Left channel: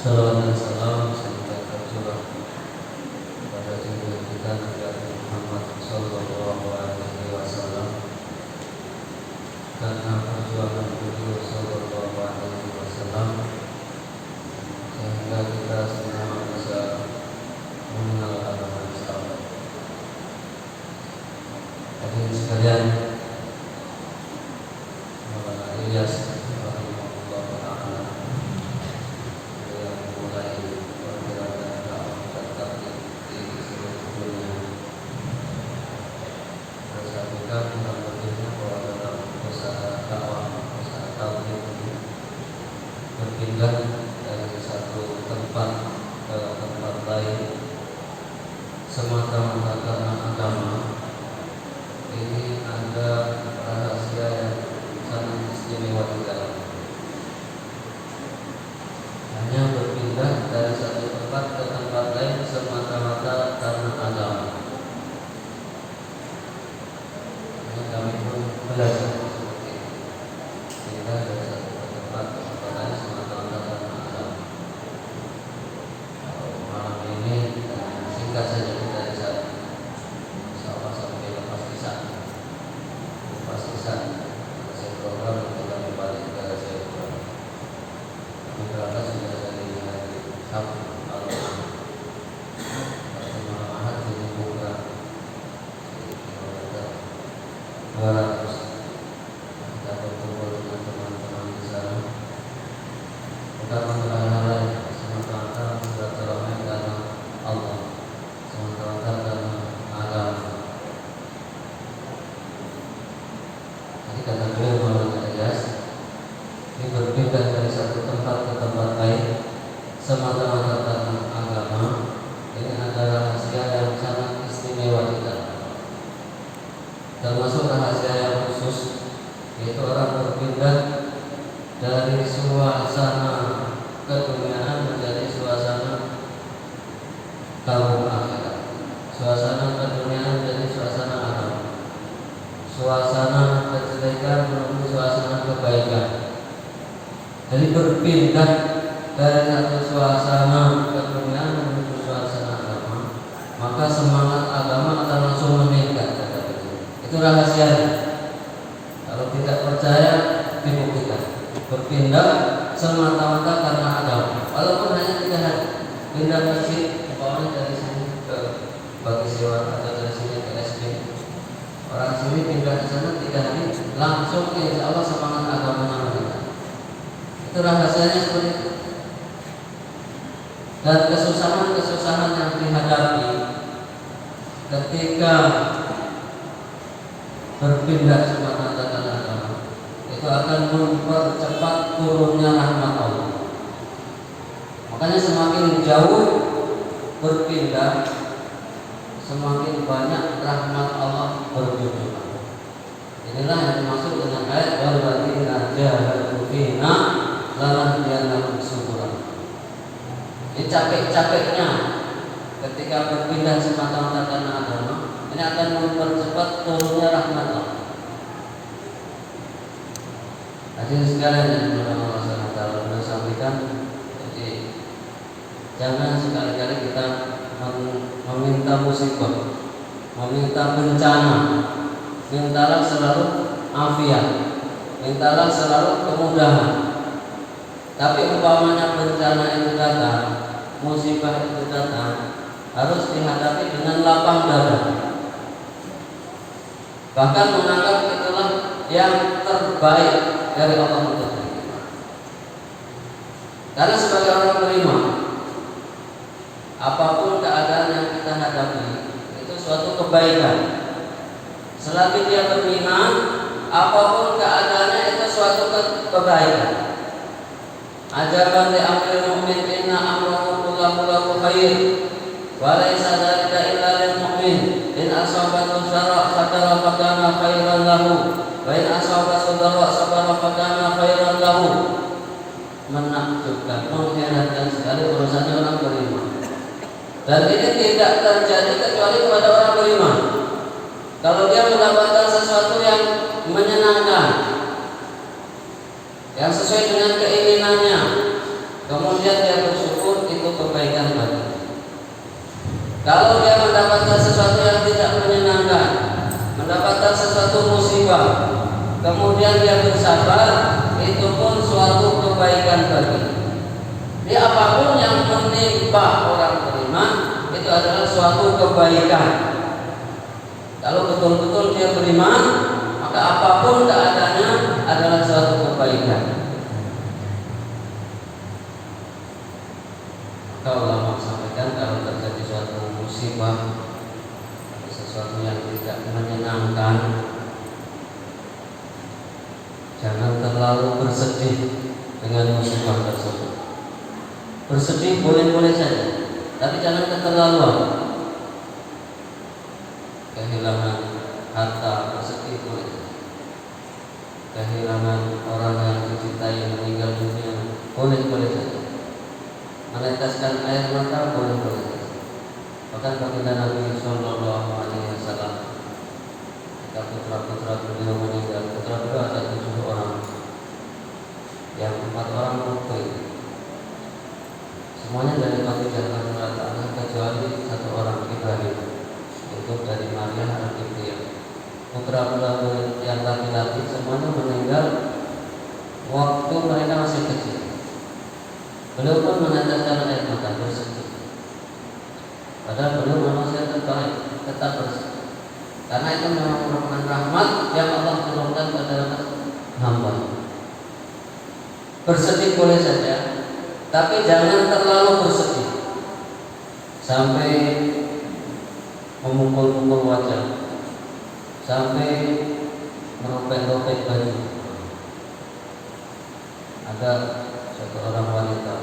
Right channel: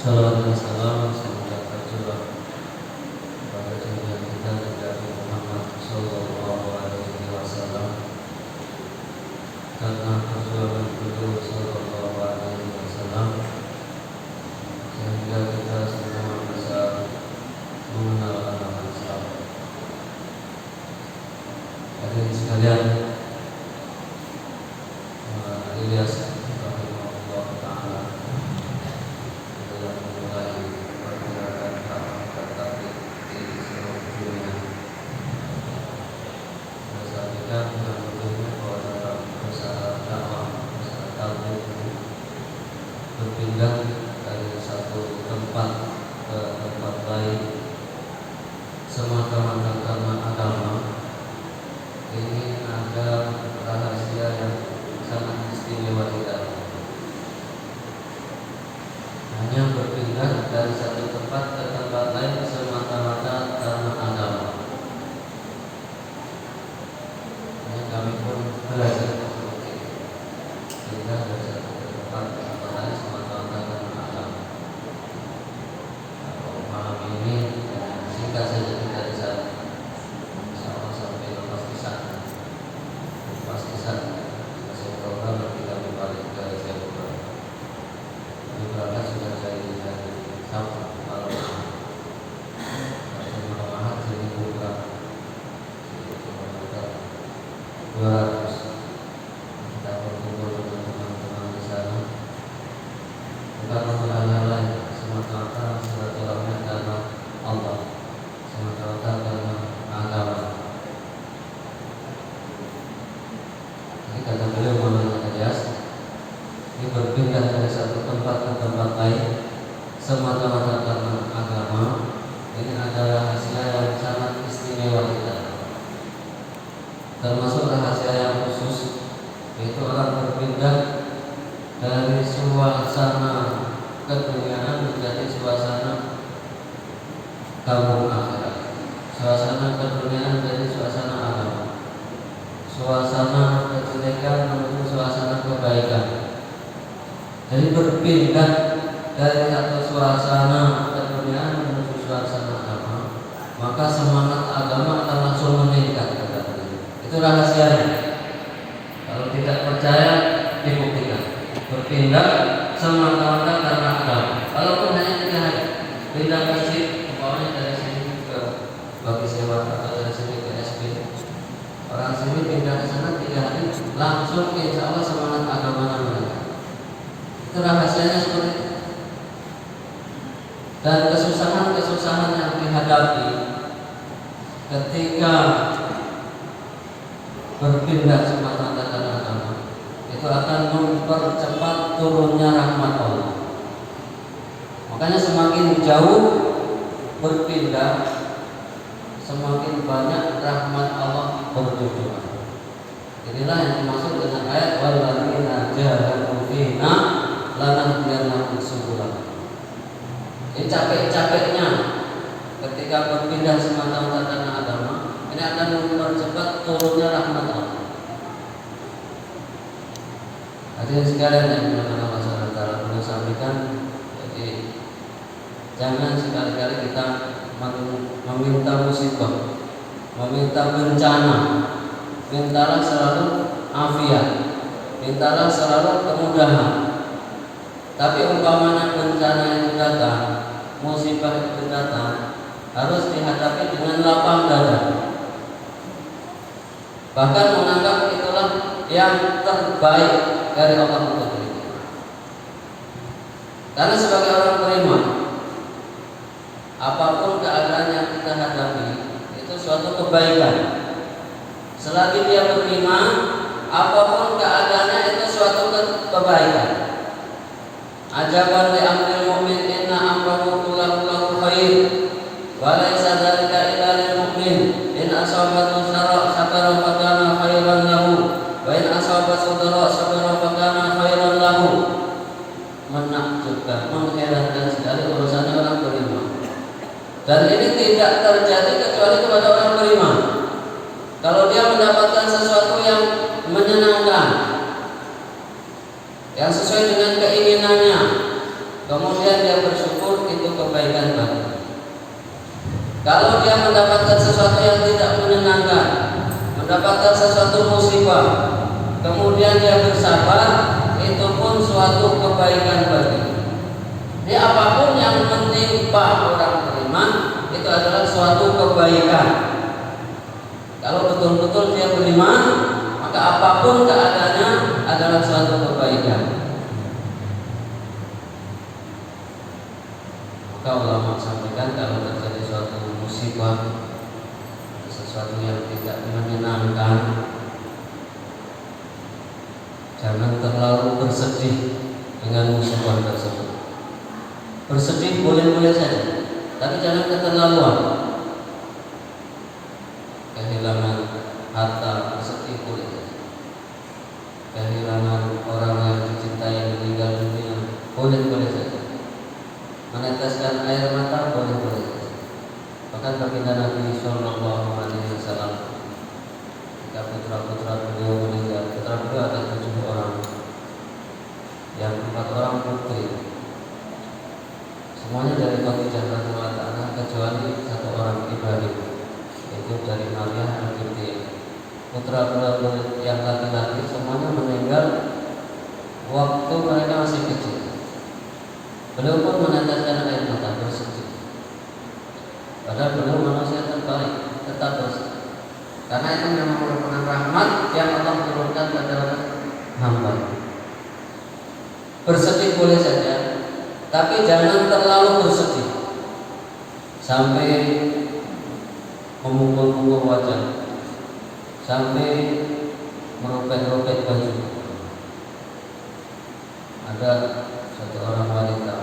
Salam dan salam semoga tercurah kepada junjungan kita Nabi Muhammad Sallallahu Alaihi Wasallam, karena perjuangan beliau Sallallahu Alaihi Wasallam sehingga kita semua bisa mengenal agama Islam. Hadirin sekalian, Maulana Ilyas rahimahullah taala berpindah dari satu tempat ke tempat lain semata-mata karena agama. Ini ada rahasia yang sangat istimewa di dalamnya. Hanya berpindah dari satu tempat ke tempat lain semata-mata karena agama. Ini kami pun belajar seperti itu. Pindah dari satu tempat ke tempat lain semata-mata karena agama. Malam ini singkat saja kita di sana. Insyaallah sampai lepas di sana. Lepas di sana, kasih program nanti kami balik ke Cirebon. Kami berangkat sudah dari hari Sabtu malam. Hari malam Ahad jadi buka kilometer 200. Kita berkumpul dengan teman-teman di sana. Kita mengenal hal lain, semata-mata silaturahmi karena Allah, semata-mata karena agama. Ini kata beliau Maulana Ilyas, ini berpindah dari satu tempat ke tempat lain semata-mata karena agama. Ini adalah rahasia yang sangat istimewa kita. Termasuk rahasia yang khusus, yaitu orang berpindah dari suasana keduniaan menjadi suasana kampung akhirat. Suasana keduniaan menjadi suasana agama. Suasana kejelekan menuju suasana kebaikan. Jadi berpindah dari satu suasana keduniaan menuju suasana agama, maka semangat agama akan langsung meningkat. Itu rahasianya. Kalau tidak percaya, dibuktikan. Berpindah semata-mata karena agama. Walaupun hanya 3 hari, pindah masjid, umpamanya dari sini ke bagi sewa atau dari sini ke SP. Orang sini pindah ke sana 3 hari, langsung insya Allah semangat agamanya meningkat. Itu rahasianya seperti itu. Dan kesusahan-kesusahan yang dihadapi ketika berpindah semata-mata karena agama, itu akan mempercepat turunnya rahmat Allah. Makanya semakin jauh berpindah, semakin banyak rahmat Allah berjujuran. Inilah yang dimaksud dengan ayat walladzina jahadu fina lanahdiyannahum subulana. Ini capek-capeknya ketika berpindah semata-mata karena agama, ini akan mempercepat turunnya rahmat Allah. Hadirin sekalian yang dimuliakan Allah Subhanahu wa taala, saya sampaikan, jadi jangan sekali-kali kita meminta musibah, meminta bencana. Mintalah selalu afiat, mintalah selalu kemudahan. Tapi umpamanya bencana itu datang, musibah itu datang, harus dihadapi dengan lapang dada. Bahkan menganggap itulah yang terbaik dari Allah untuk kita. Karena sebagai orang beriman, apapun keadaan yang kita hadapi itu suatu kebaikan. Selagi dia beriman, apapun keadaannya itu suatu kebaikan. Ajaban li amril mu'min inna amrahu kullahu khair wa laysa dzalika illa lil mu'min in asabathu syarra syakara fa kana khairan lahu wa in asabathu dharra sabara fa kana khairan lahu. Menakjubkan, mengherankan sekali urusannya orang beriman. Dan ini tidak terjadi kecuali kepada orang beriman. Kalau dia mendapatkan sesuatu yang menyenangkan, yang sesuai dengan keinginannya, kemudian dia bersyukur, Kalau dia mendapatkan sesuatu yang tidak menyenangkan, mendapatkan sesuatu musibah, kemudian dia bersabar, itu pun suatu kebaikan bagi. Jadi apapun yang menimpa orang beriman itu adalah suatu kebaikan. Kalau betul-betul dia beriman, maka apapun keadaannya adalah suatu kebaikan. Maka ulama sampaikan kalau terjadi suatu musibah, sesuatu yang tidak menyenangkan, jangan terlalu bersedih dengan musibah tersebut. Bersedih boleh-boleh saja, tapi jangan keterlaluan. Kehilangan harta, bersedih boleh saja. Kehilangan orang yang dicintai yang meninggal dunia, boleh-boleh saja. Meneteskan air mata, boleh-boleh saja. Bahkan baginda Nabi Sallallahu Alaihi Wasallam, ketika putra-putra beliau meninggal, putra beliau ada 7 orang, yang 4 orang putri, semuanya dari Khadijah radhiyallahu anha kecuali 1 orang, Ibrahim, itu dari Maria anak Ibrahim. Putra beliau yang laki-laki semuanya meninggal waktu mereka masih kecil. Beliau pun meneteskan air mata, bersedih. Padahal beliau manusia terbaik, tetap bersedih. Karena itu memang merupakan rahmat yang Allah turunkan pada hamba. Bersedih boleh saja, tapi jangan terlalu bersedih sampai memukul-mukul wajah, sampai meropek-ropek baju. Ada satu orang wanita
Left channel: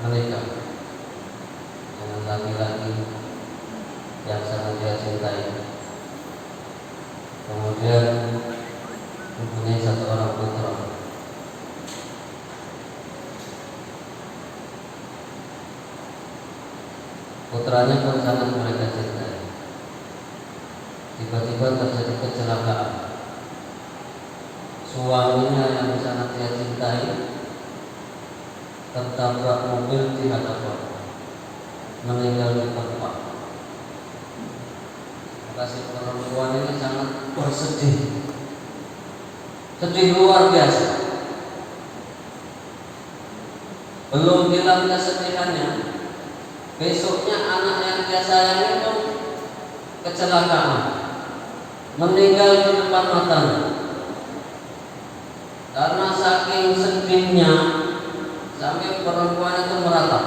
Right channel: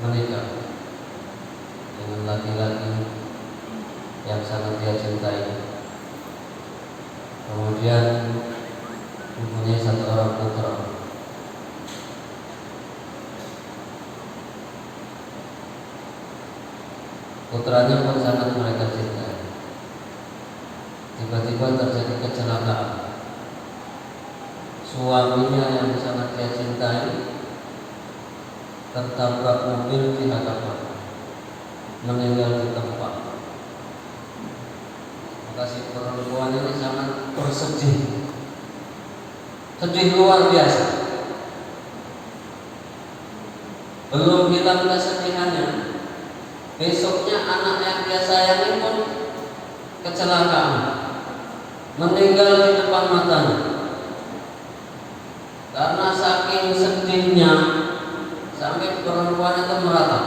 menikah dengan laki-laki yang sangat dia cintai, kemudian mempunyai 1 orang putra. Putranya pun sangat mereka cintai. Tiba-tiba terjadi kecelakaan. Suaminya yang sangat dia cintai tertabrak mobil di hadapan, meninggal di tempat. Maka si perempuan ini sangat bersedih, sedih luar biasa. Belum hilang kesedihannya, besoknya anak yang dia sayangi pun kecelakaan, meninggal di depan matanya. Karena saking sedihnya sampai perempuan itu meratap,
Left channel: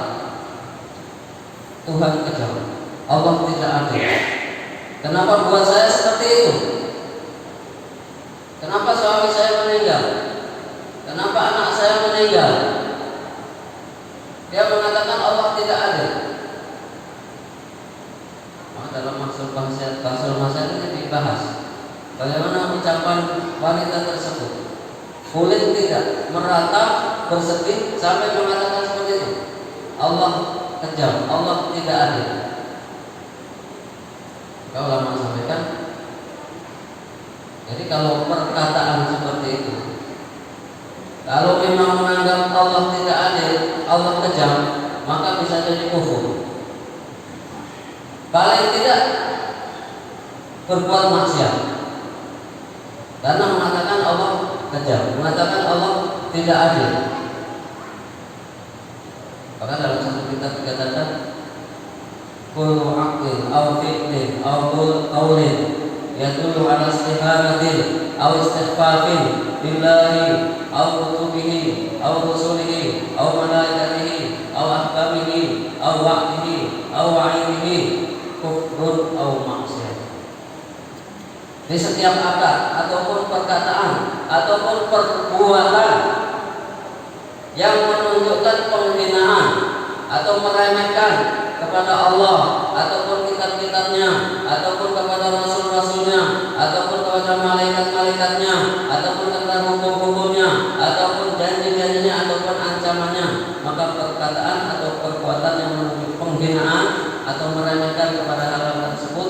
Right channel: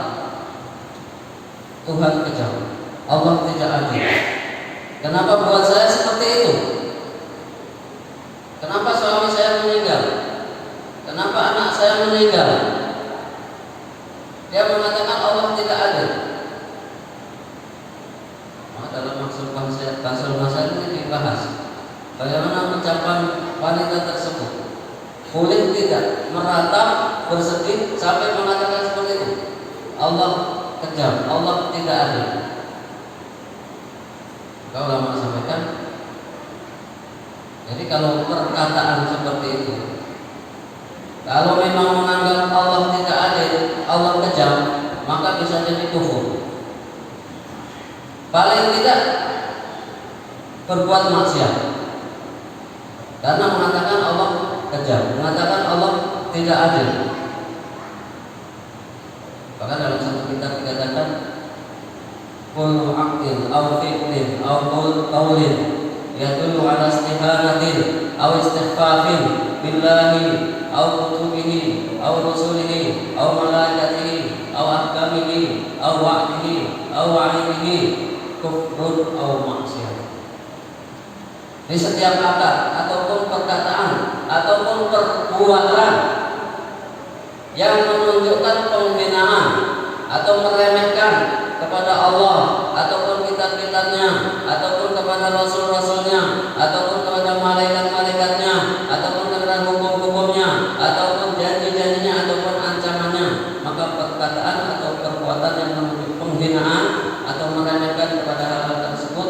Tuhan kejam, Allah tidak adil. Kenapa buat saya seperti itu? Kenapa suami saya meninggal? Kenapa anak saya meninggal? Dia mengatakan Allah tidak adil. Maka dalam maksud masalah ini dibahas bagaimana ucapan wanita tersebut. Boleh tidak meratap, bersedih sampai mengatakan seperti itu? Allah kejam, Allah tidak adil. Kau ulama sampaikan. Jadi kalau perkataan seperti itu, kalau memang menganggap Allah tidak adil, Allah kejam, maka bisa jadi kufur. Paling tidak berbuat maksiat, karena mengatakan Allah kejam, mengatakan Allah tidak adil. Bahkan dalam satu kitab dikatakan kullu aqil aw fi'lin aw qawlin yadullu ala istihanatin aw istighfafin billahi aw kutubihi aw rusulihi aw malaikatihi aw ahkamihi aw wa'dihi aw wa'idihi kufrun aw maksiyah. Di setiap akad ataupun perkataan ataupun perbuatan yang menunjukkan penghinaan atau meremehkan kepada Allah ataupun kitab-kitabnya ataupun kepada rasul-rasulnya ataupun kepada malaikat-malaikatnya ataupun kepada hukum-hukumnya ataupun janji-janjinya ataupun ancamannya, maka perkataan atau perbuatan yang menunjukkan penghinaan atau meremehkan kepada hal tersebut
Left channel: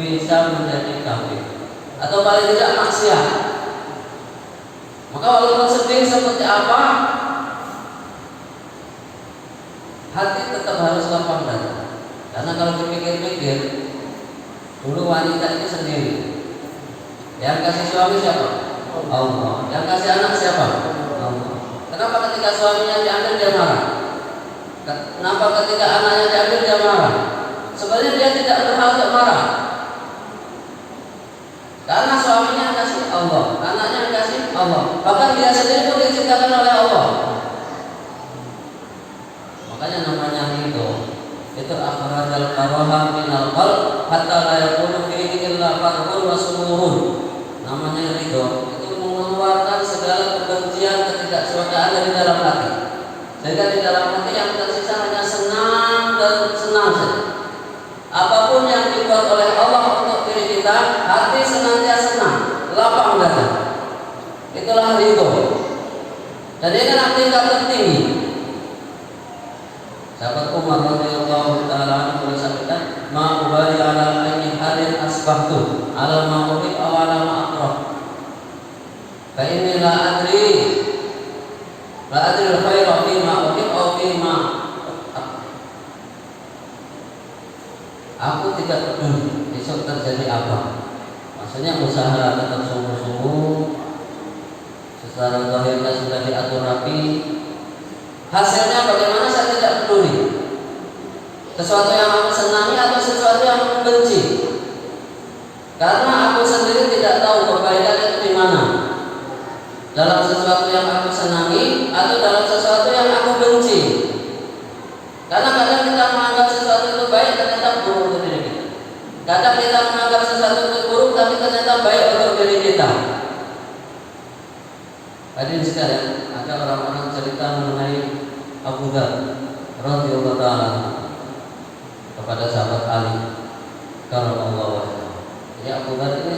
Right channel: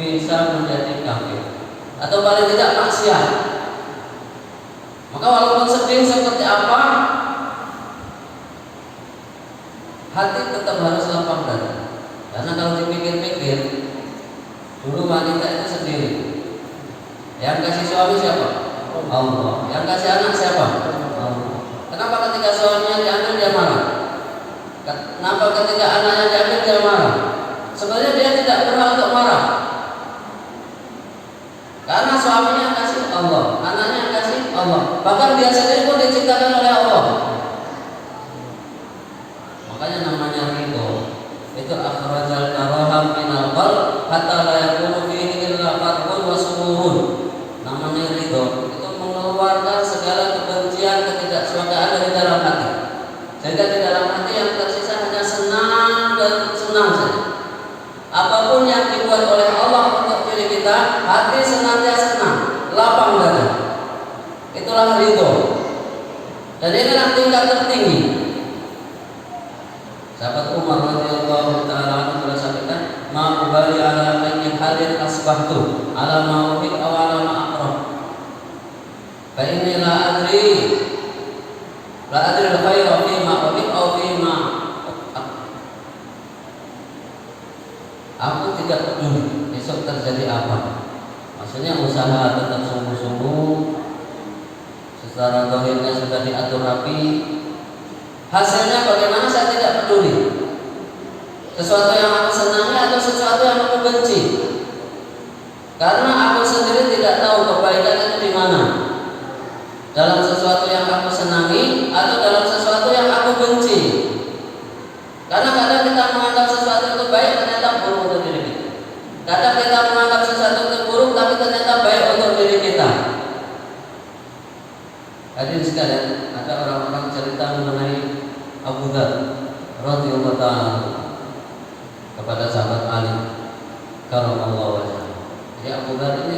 bisa menjadi kafir atau paling tidak maksiat. Maka walaupun sedih seperti apa, hati tetap harus Karena kalau dipikir-pikir, dulu wanita itu sendiri. Yang kasih suami siapa? Allah. Yang kasih anak siapa? Allah. Kenapa ketika suaminya diambil dia marah? Kenapa ketika anaknya diambil dia marah? Sebenarnya dia tidak berhak untuk marah. Karena suaminya kasih Allah, anaknya kasih Allah. Bahkan dia sendiri pun diciptakan oleh Allah. Makanya namanya ridho. Itu akhrajal karaha minal qalb hatta la yakunu fihi illa farhun wa sururun. Namanya ridho itu mengeluarkan segala kebencian, ketidaksukaan dari dalam hati. Sehingga di dalam hati yang tersisa hanya senang dan senang saja. Apapun yang dibuat oleh Allah untuk diri kita, hati senantiasa senang, lapang dada. Itulah ridho. Dan inilah tingkat tertinggi. Sahabat Umar radhiyallahu taala anhu bersabda, "Ma ubali ala ayyi halin asbahtu, ala ma uhib aw ala ma akrah. Fa inni la adri al-khaira fi ma uhib aw fi ma aku tidak peduli besok terjadi apa." Maksudnya usaha tetap sungguh-sungguh, secara zahirnya sudah diatur rapi. Hasilnya bagaimana saya tidak peduli. Sesuatu yang aku senangi atau sesuatu yang aku benci. Karena aku sendiri tidak tahu kebaikan itu di mana. Dalam sesuatu yang aku senangi atau dalam sesuatu yang aku benci. Karena kadang kita menganggap sesuatu itu baik, ternyata buruk untuk diri kita. Kadang kita menganggap sesuatu itu buruk, tapi ternyata baik untuk diri kita. Hadirin sekalian, ada orang-orang cerita mengenai Abu Dzar radhiyallahu ta'ala kepada sahabat Ali karramallahu wajhahu. Jadi Abu Dzar ini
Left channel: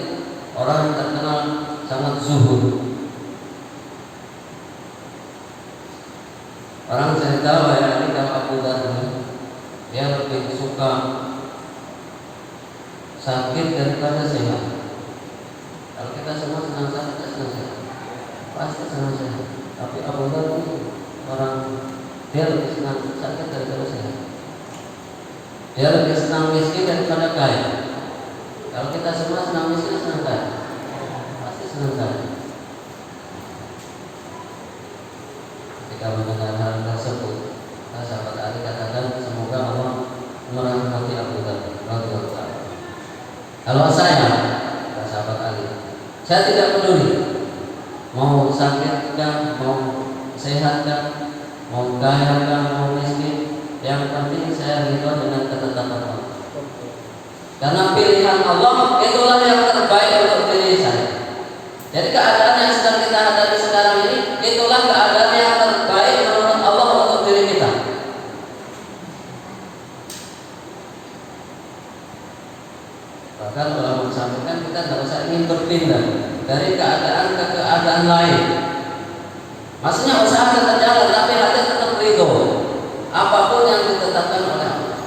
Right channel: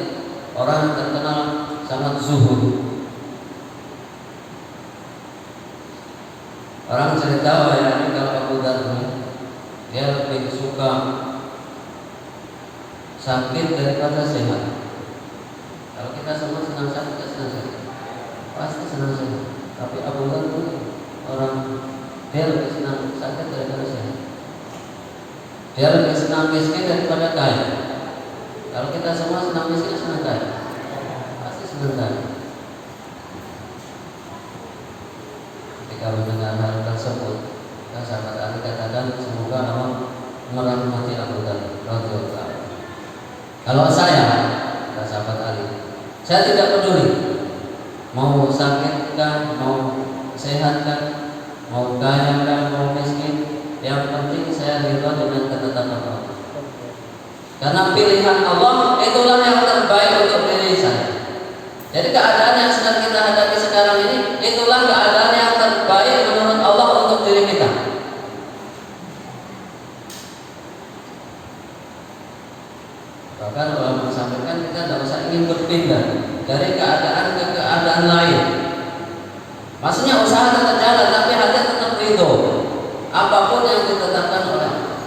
orang yang terkenal sangat zuhud. Orang cerita bahwa kalau Abu Dzar dia lebih suka sakit daripada sehat. Kalau kita semua senang sakit, kita senang sehat. Pasti senang sehat. Tapi Abu Dzar itu orang dia lebih senang sakit daripada sehat. Dia lebih senang miskin daripada kaya. Kalau kita semua senang miskin, senang kaya. Pasti senang kaya. Ketika mendengar hal tersebut, sahabat Ali katakan, semoga Allah merahmati Abu Dzar radhiyallahu ta'ala. Kalau saya, kata sahabat Ali, saya tidak peduli mau sakit kan, mau sehat kan, mau kaya kan, mau miskin. Yang penting saya ridho dengan ketetapan Allah. Karena pilihan Allah itulah yang terbaik untuk diri saya. Jadi keadaan yang sedang kita hadapi sekarang ini, itulah keadaan yang terbaik menurut Allah untuk diri kita. Bahkan ulama menyampaikan kita tidak usah ingin berpindah dari keadaan ke keadaan lain. Maksudnya usaha tetap jalan, tapi hati tetap ridho apapun yang ditetapkan oleh Allah.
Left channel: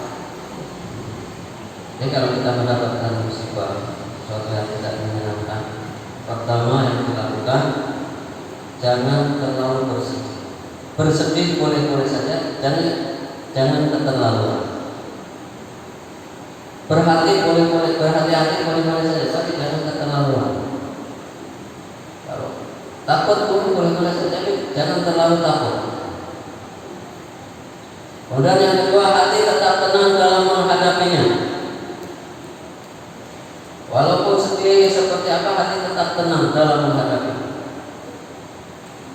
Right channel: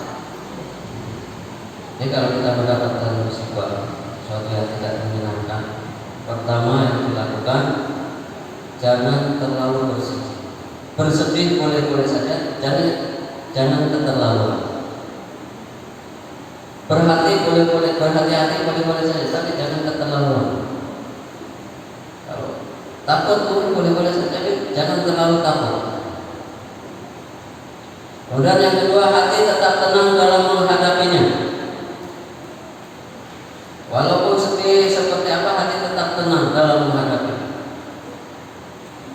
Jadi kalau kita mendapatkan musibah, sesuatu yang tidak menyenangkan, pertama yang dilakukan, jangan terlalu bersedih. Bersedih boleh-boleh saja, jangan keterlaluan. Berhati-hati boleh-boleh saja, tapi jangan keterlaluan. Kalau takut pun boleh-boleh saja, tapi jangan terlalu takut. Kemudian yang kedua, hati tetap tenang dalam menghadapinya. Walaupun sedih seperti apa, hati tetap tenang dalam menghadapinya.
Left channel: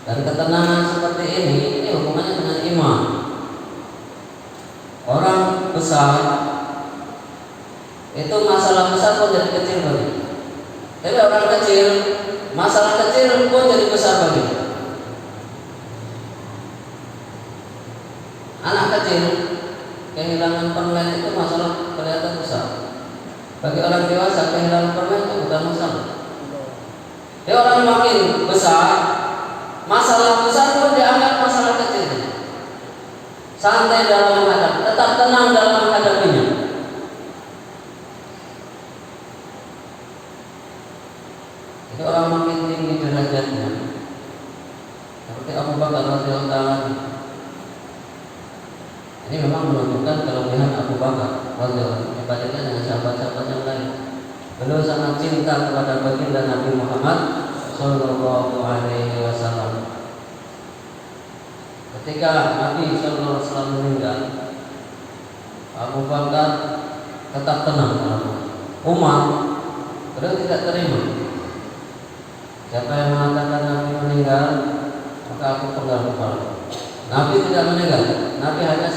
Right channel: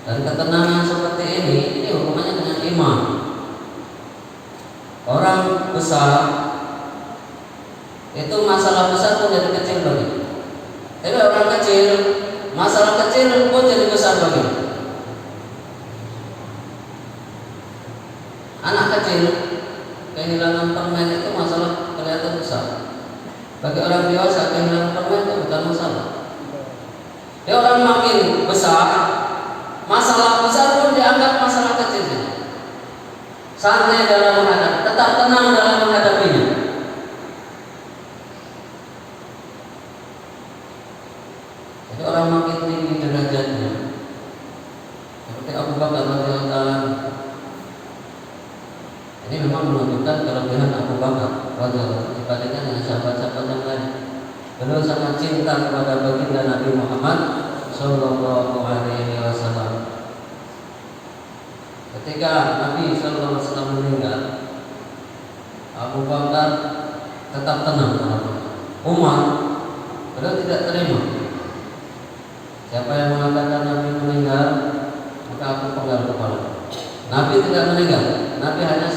Dan ketenangan seperti ini hubungannya dengan iman. Orang besar itu masalah besar pun jadi kecil bagi. Jadi orang kecil, masalah kecil pun jadi besar bagi. Anak kecil kehilangan permen itu masalah kelihatan besar. Bagi orang dewasa kehilangan permen itu bukan masalah. Dia orang makin besar, masalah besar pun dianggap masalah kecil. Santai dalam menghadapi, tetap tenang dalam menghadapinya. Jadi orang makin tinggi derajatnya, seperti Abu Bakar radhiyallahu ta'ala, Ini memang menunjukkan kelebihan Abu Bakar radhiyallahu dibandingkan dengan sahabat-sahabat yang lain. Beliau sangat cinta kepada baginda Nabi Muhammad Sallallahu Alaihi Wasallam. Ketika Nabi Sallallahu Alaihi Wasallam meninggal, Abu Bakar tetap tenang. Umar, beliau tidak terima. Siapa yang mengatakan Nabi meninggal, maka aku penggal kepala. Nabi tidak meninggal. Nabi hanya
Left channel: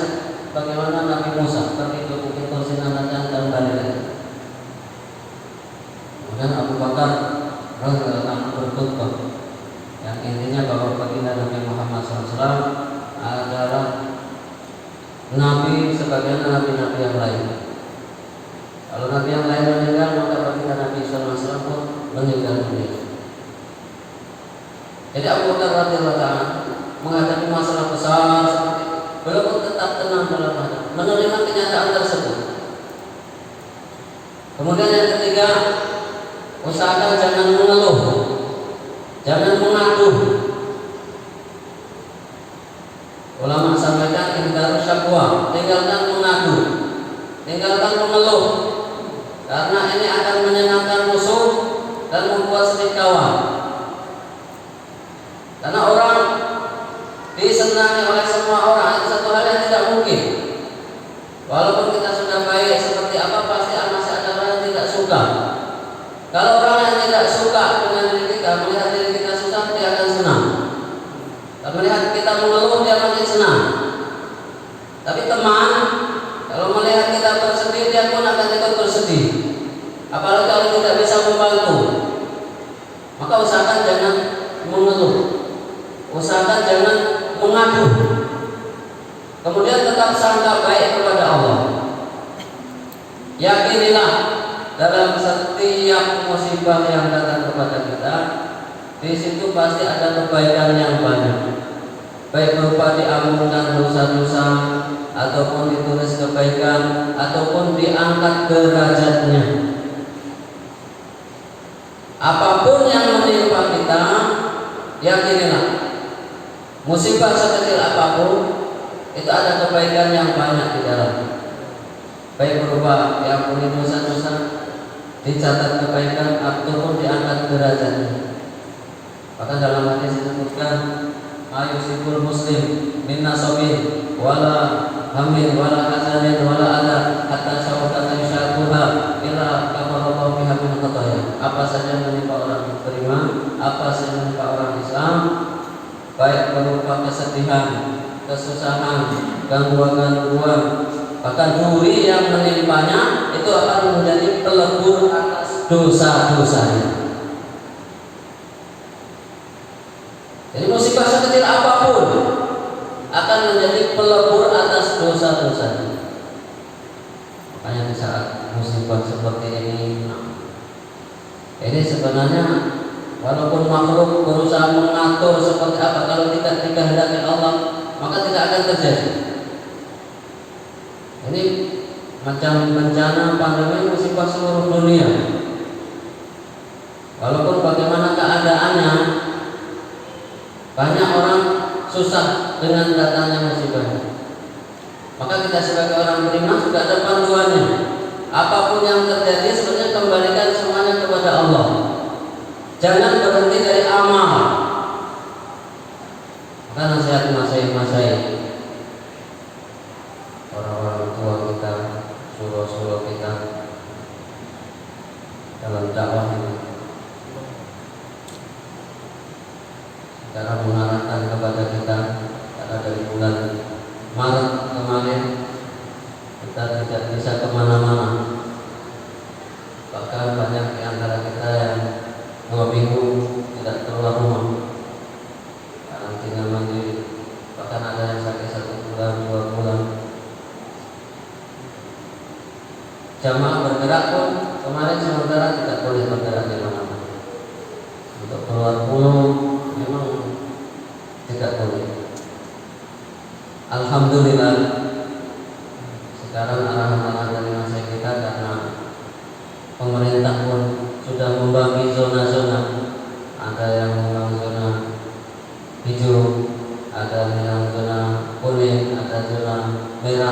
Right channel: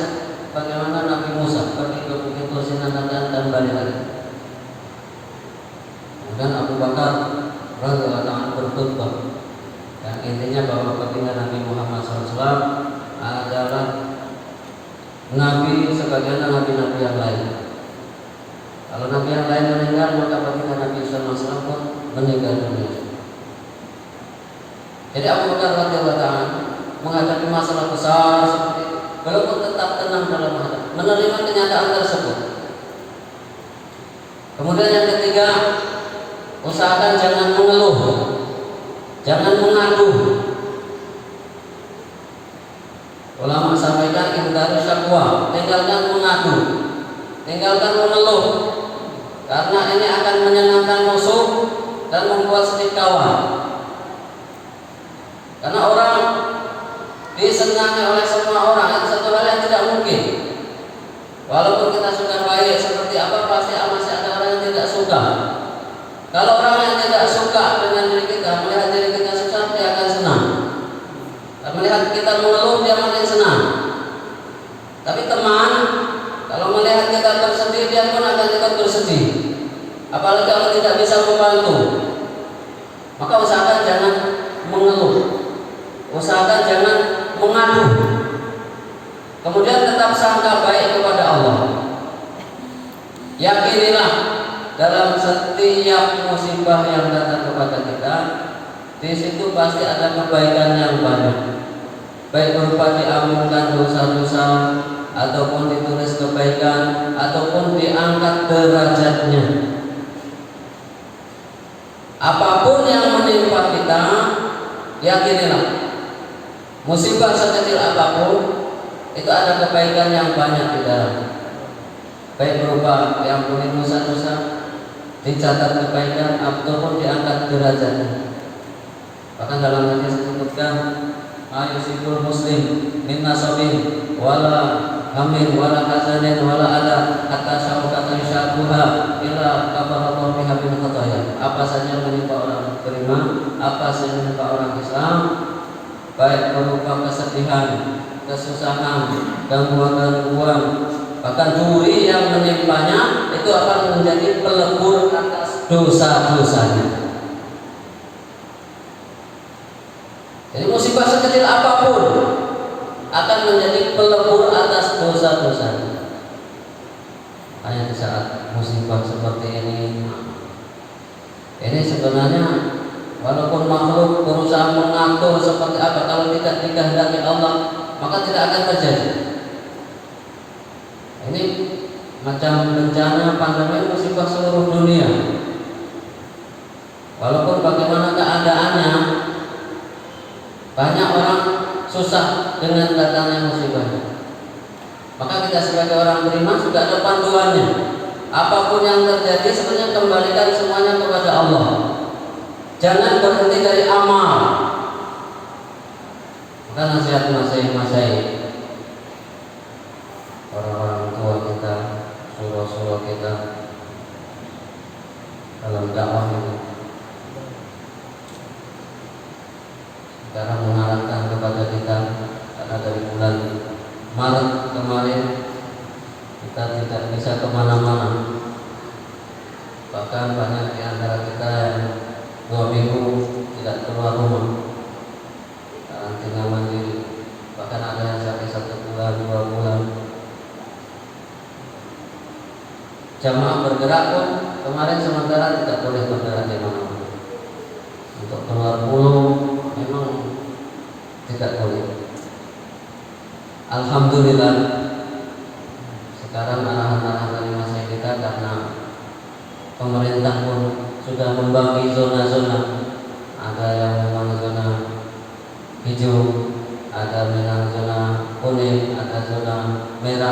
bagaimana Nabi Musa, seperti begitu sinatanya dan balik. Kemudian Abu Bakar radhiyallahu anhu berkhutbah yang intinya bahwa baginda Nabi Muhammad SAW adalah Nabi sebagaimana nabi-nabi yang lain. Kalau nabi yang lain meninggal, maka baginda Nabi SAW pun meninggal dunia. Jadi Abu Bakar radhiyallahu anhu menghadapi masalah besar seperti itu, beliau pun tetap tenang dalam hati, menerima kenyataan tersebut. Kemudian yang ketiga, usahakan jangan mengeluh, jangan mengadu. Ulama sampaikan intar syakwa, tinggalkan mengadu, tinggalkan mengeluh, karena ini akan menyenangkan musuh dan membuat sedih kawan. Karena orang disenangi oleh semua orang, itu satu hal yang tidak mungkin. Walaupun kita sudah baik seperti apa, pasti masih ada orang yang tidak suka. Kalau orang yang tidak suka dengan diri kita, melihat diri kita susah, dia akan senang. Tapi melihat kita mengeluh, dia makin senang. Tapi teman, kalau melihat kita bersedih, dia pun akan ikut bersedih. Apalagi kalau tidak bisa membantu. Maka usahakan jangan mengeluh, usahakan jangan mengadu. Kemudian tetap sangka baik kepada Allah. Yakinilah dalam setiap musibah yang datang kepada kita, di situ pasti ada kebaikan yang banyak. Baik berupa diampunkan dosa-dosa, ataupun ditulis kebaikan, ataupun diangkat derajatnya. Apapun yang menimpa kita, yakinilah musibah sekecil apapun itu ada kebaikan yang banyak di dalam. Baik berupa diampuni dosa-dosa, dicatat kebaikan, ataupun diangkat derajatnya. Bahkan dalam hadis disebutkan, ayusibul muslim min nasabin wala hamil wala hazanin wala ada hatta syaukatin syakuha ila kafaratu biha min khataya. Apa saja menimpa orang beriman, apa saja menimpa orang Islam, baik berupa kesedihan, kesusahan, gangguan-gangguan, bahkan duri yang menimpanya, itu akan menjadi pelebur atas dosa-dosanya. Jadi musibah sekecil apapun akan menjadi pelebur atas dosa-dosanya. Makanya di saat musibah seperti ini sebenarnya walaupun makhluk berusaha mengatur seperti apa, kalau tidak dikehendaki Allah, maka tidak akan terjadi. Ini macam bencana pandemi musibah seluruh dunia. Walaupun bagaimana keadaannya, banyak orang susah dengan datangnya musibah. Maka kita sebagai orang beriman sudah ada panduannya. Apapun yang terjadi sebenarnya kembalikan semuanya kepada Allah. Jangan berhenti dari amal. Maka nasihat masai orang-orang tua kita, suruh-suruh kita dalam dakwah ini, cara mengarahkan kepada kita, karena dari bulan Maret kemarin kita tidak bisa kemana-mana. Bahkan banyak di antara kita yang 2 minggu tidak keluar rumah, karantina mandiri. Bahkan ada yang sampai 1 bulan, 2 bulan. Jamaah bergerak pun kemarin sementara tidak boleh bergerak di mana-mana. Untuk keluar pulau memang tidak boleh. Alhamdulillah sekarang arahan-arahan dari masa kita, karena pemerintah pun sudah membagi zona-zona. Ada yang memang zona hijau, ada yang zona kuning, ada zona merah.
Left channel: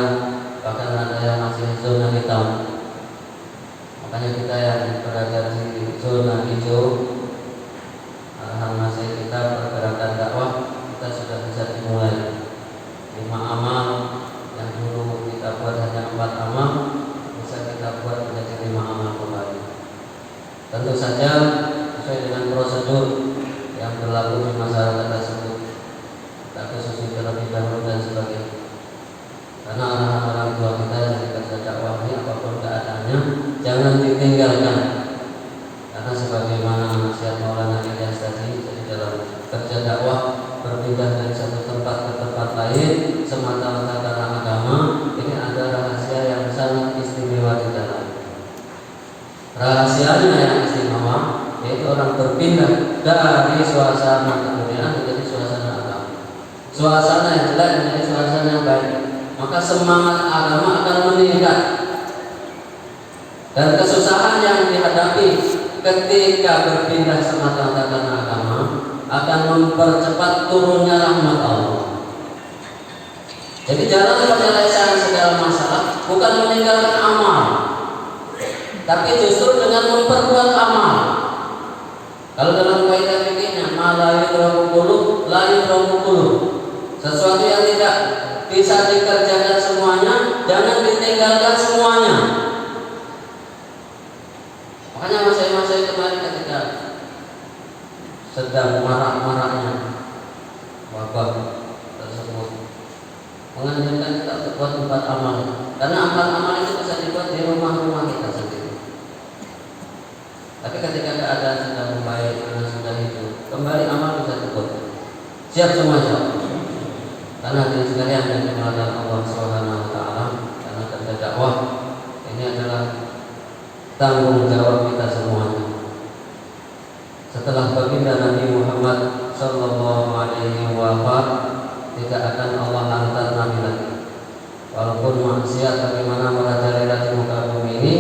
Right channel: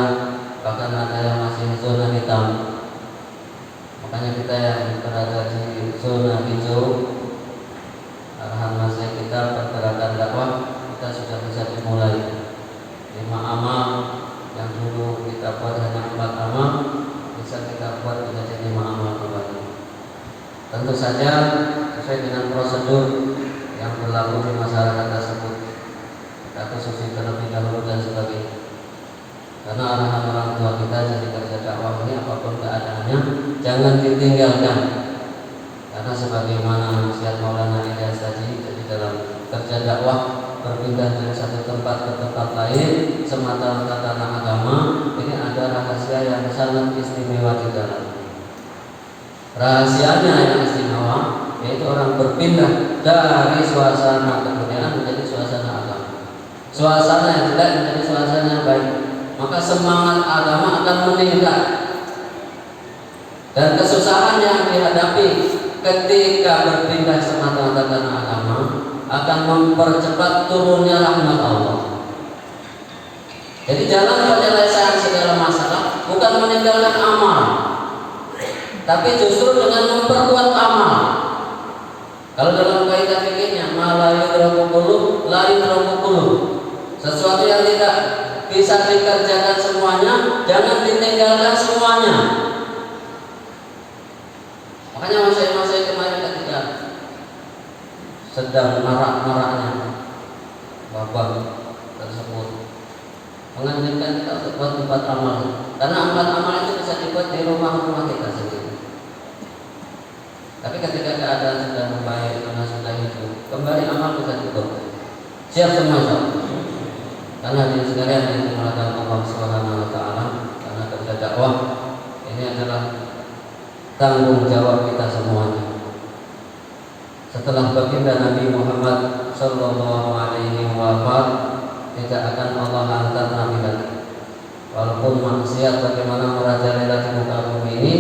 jangan ditinggalkan. Karena sebagaimana nasihat Maulana Ilyas tadi dalam kerja dakwah, berpindah dari satu tempat ke tempat lain semata-mata karena agama, ini ada rahasia yang sangat istimewa di dalam. Rahasianya yang istimewa yaitu orang berpindah dari suasana kebudayaan menjadi suasana agama. Suasana yang jelek menjadi suasana yang baik, maka semangat agama akan meningkat. Dan kesusahan yang dihadapi ketika berpindah semata-mata karena agama akan mempercepat turunnya rahmat Allah. Jadi jalan penyelesaian segala masalah bukan meninggalkan amal, tapi justru dengan memperkuat amal. Kalau dalam kaidah fikihnya, ma la yudraku qulub la yudraku qulub. Sesuatu yang tidak bisa dikerjakan semuanya, jangan ditinggalkan semuanya. Makanya saya kemarin ketika sedang marah-marahnya bapak tersebut menganjurkan kita untuk buat tempat amal, karena amal-amal itu bisa dibuat di rumah-rumah kita sendiri. Tapi ketika keadaan sudah membaik, karena sudah hidup, kembali amal bisa dibuat. Siap semua, karena di sekalian yang dimulakan Allah Subhanahu Wa Taala, karena kerja dakwah ini adalah tanggung jawab kita semuanya. Setelah baginda Nabi Muhammad Sallallahu Alaihi Wasallam, tidak akan Allah hantar Nabi lagi. Walaupun manusia bagaimana merajalela di muka bumi ini,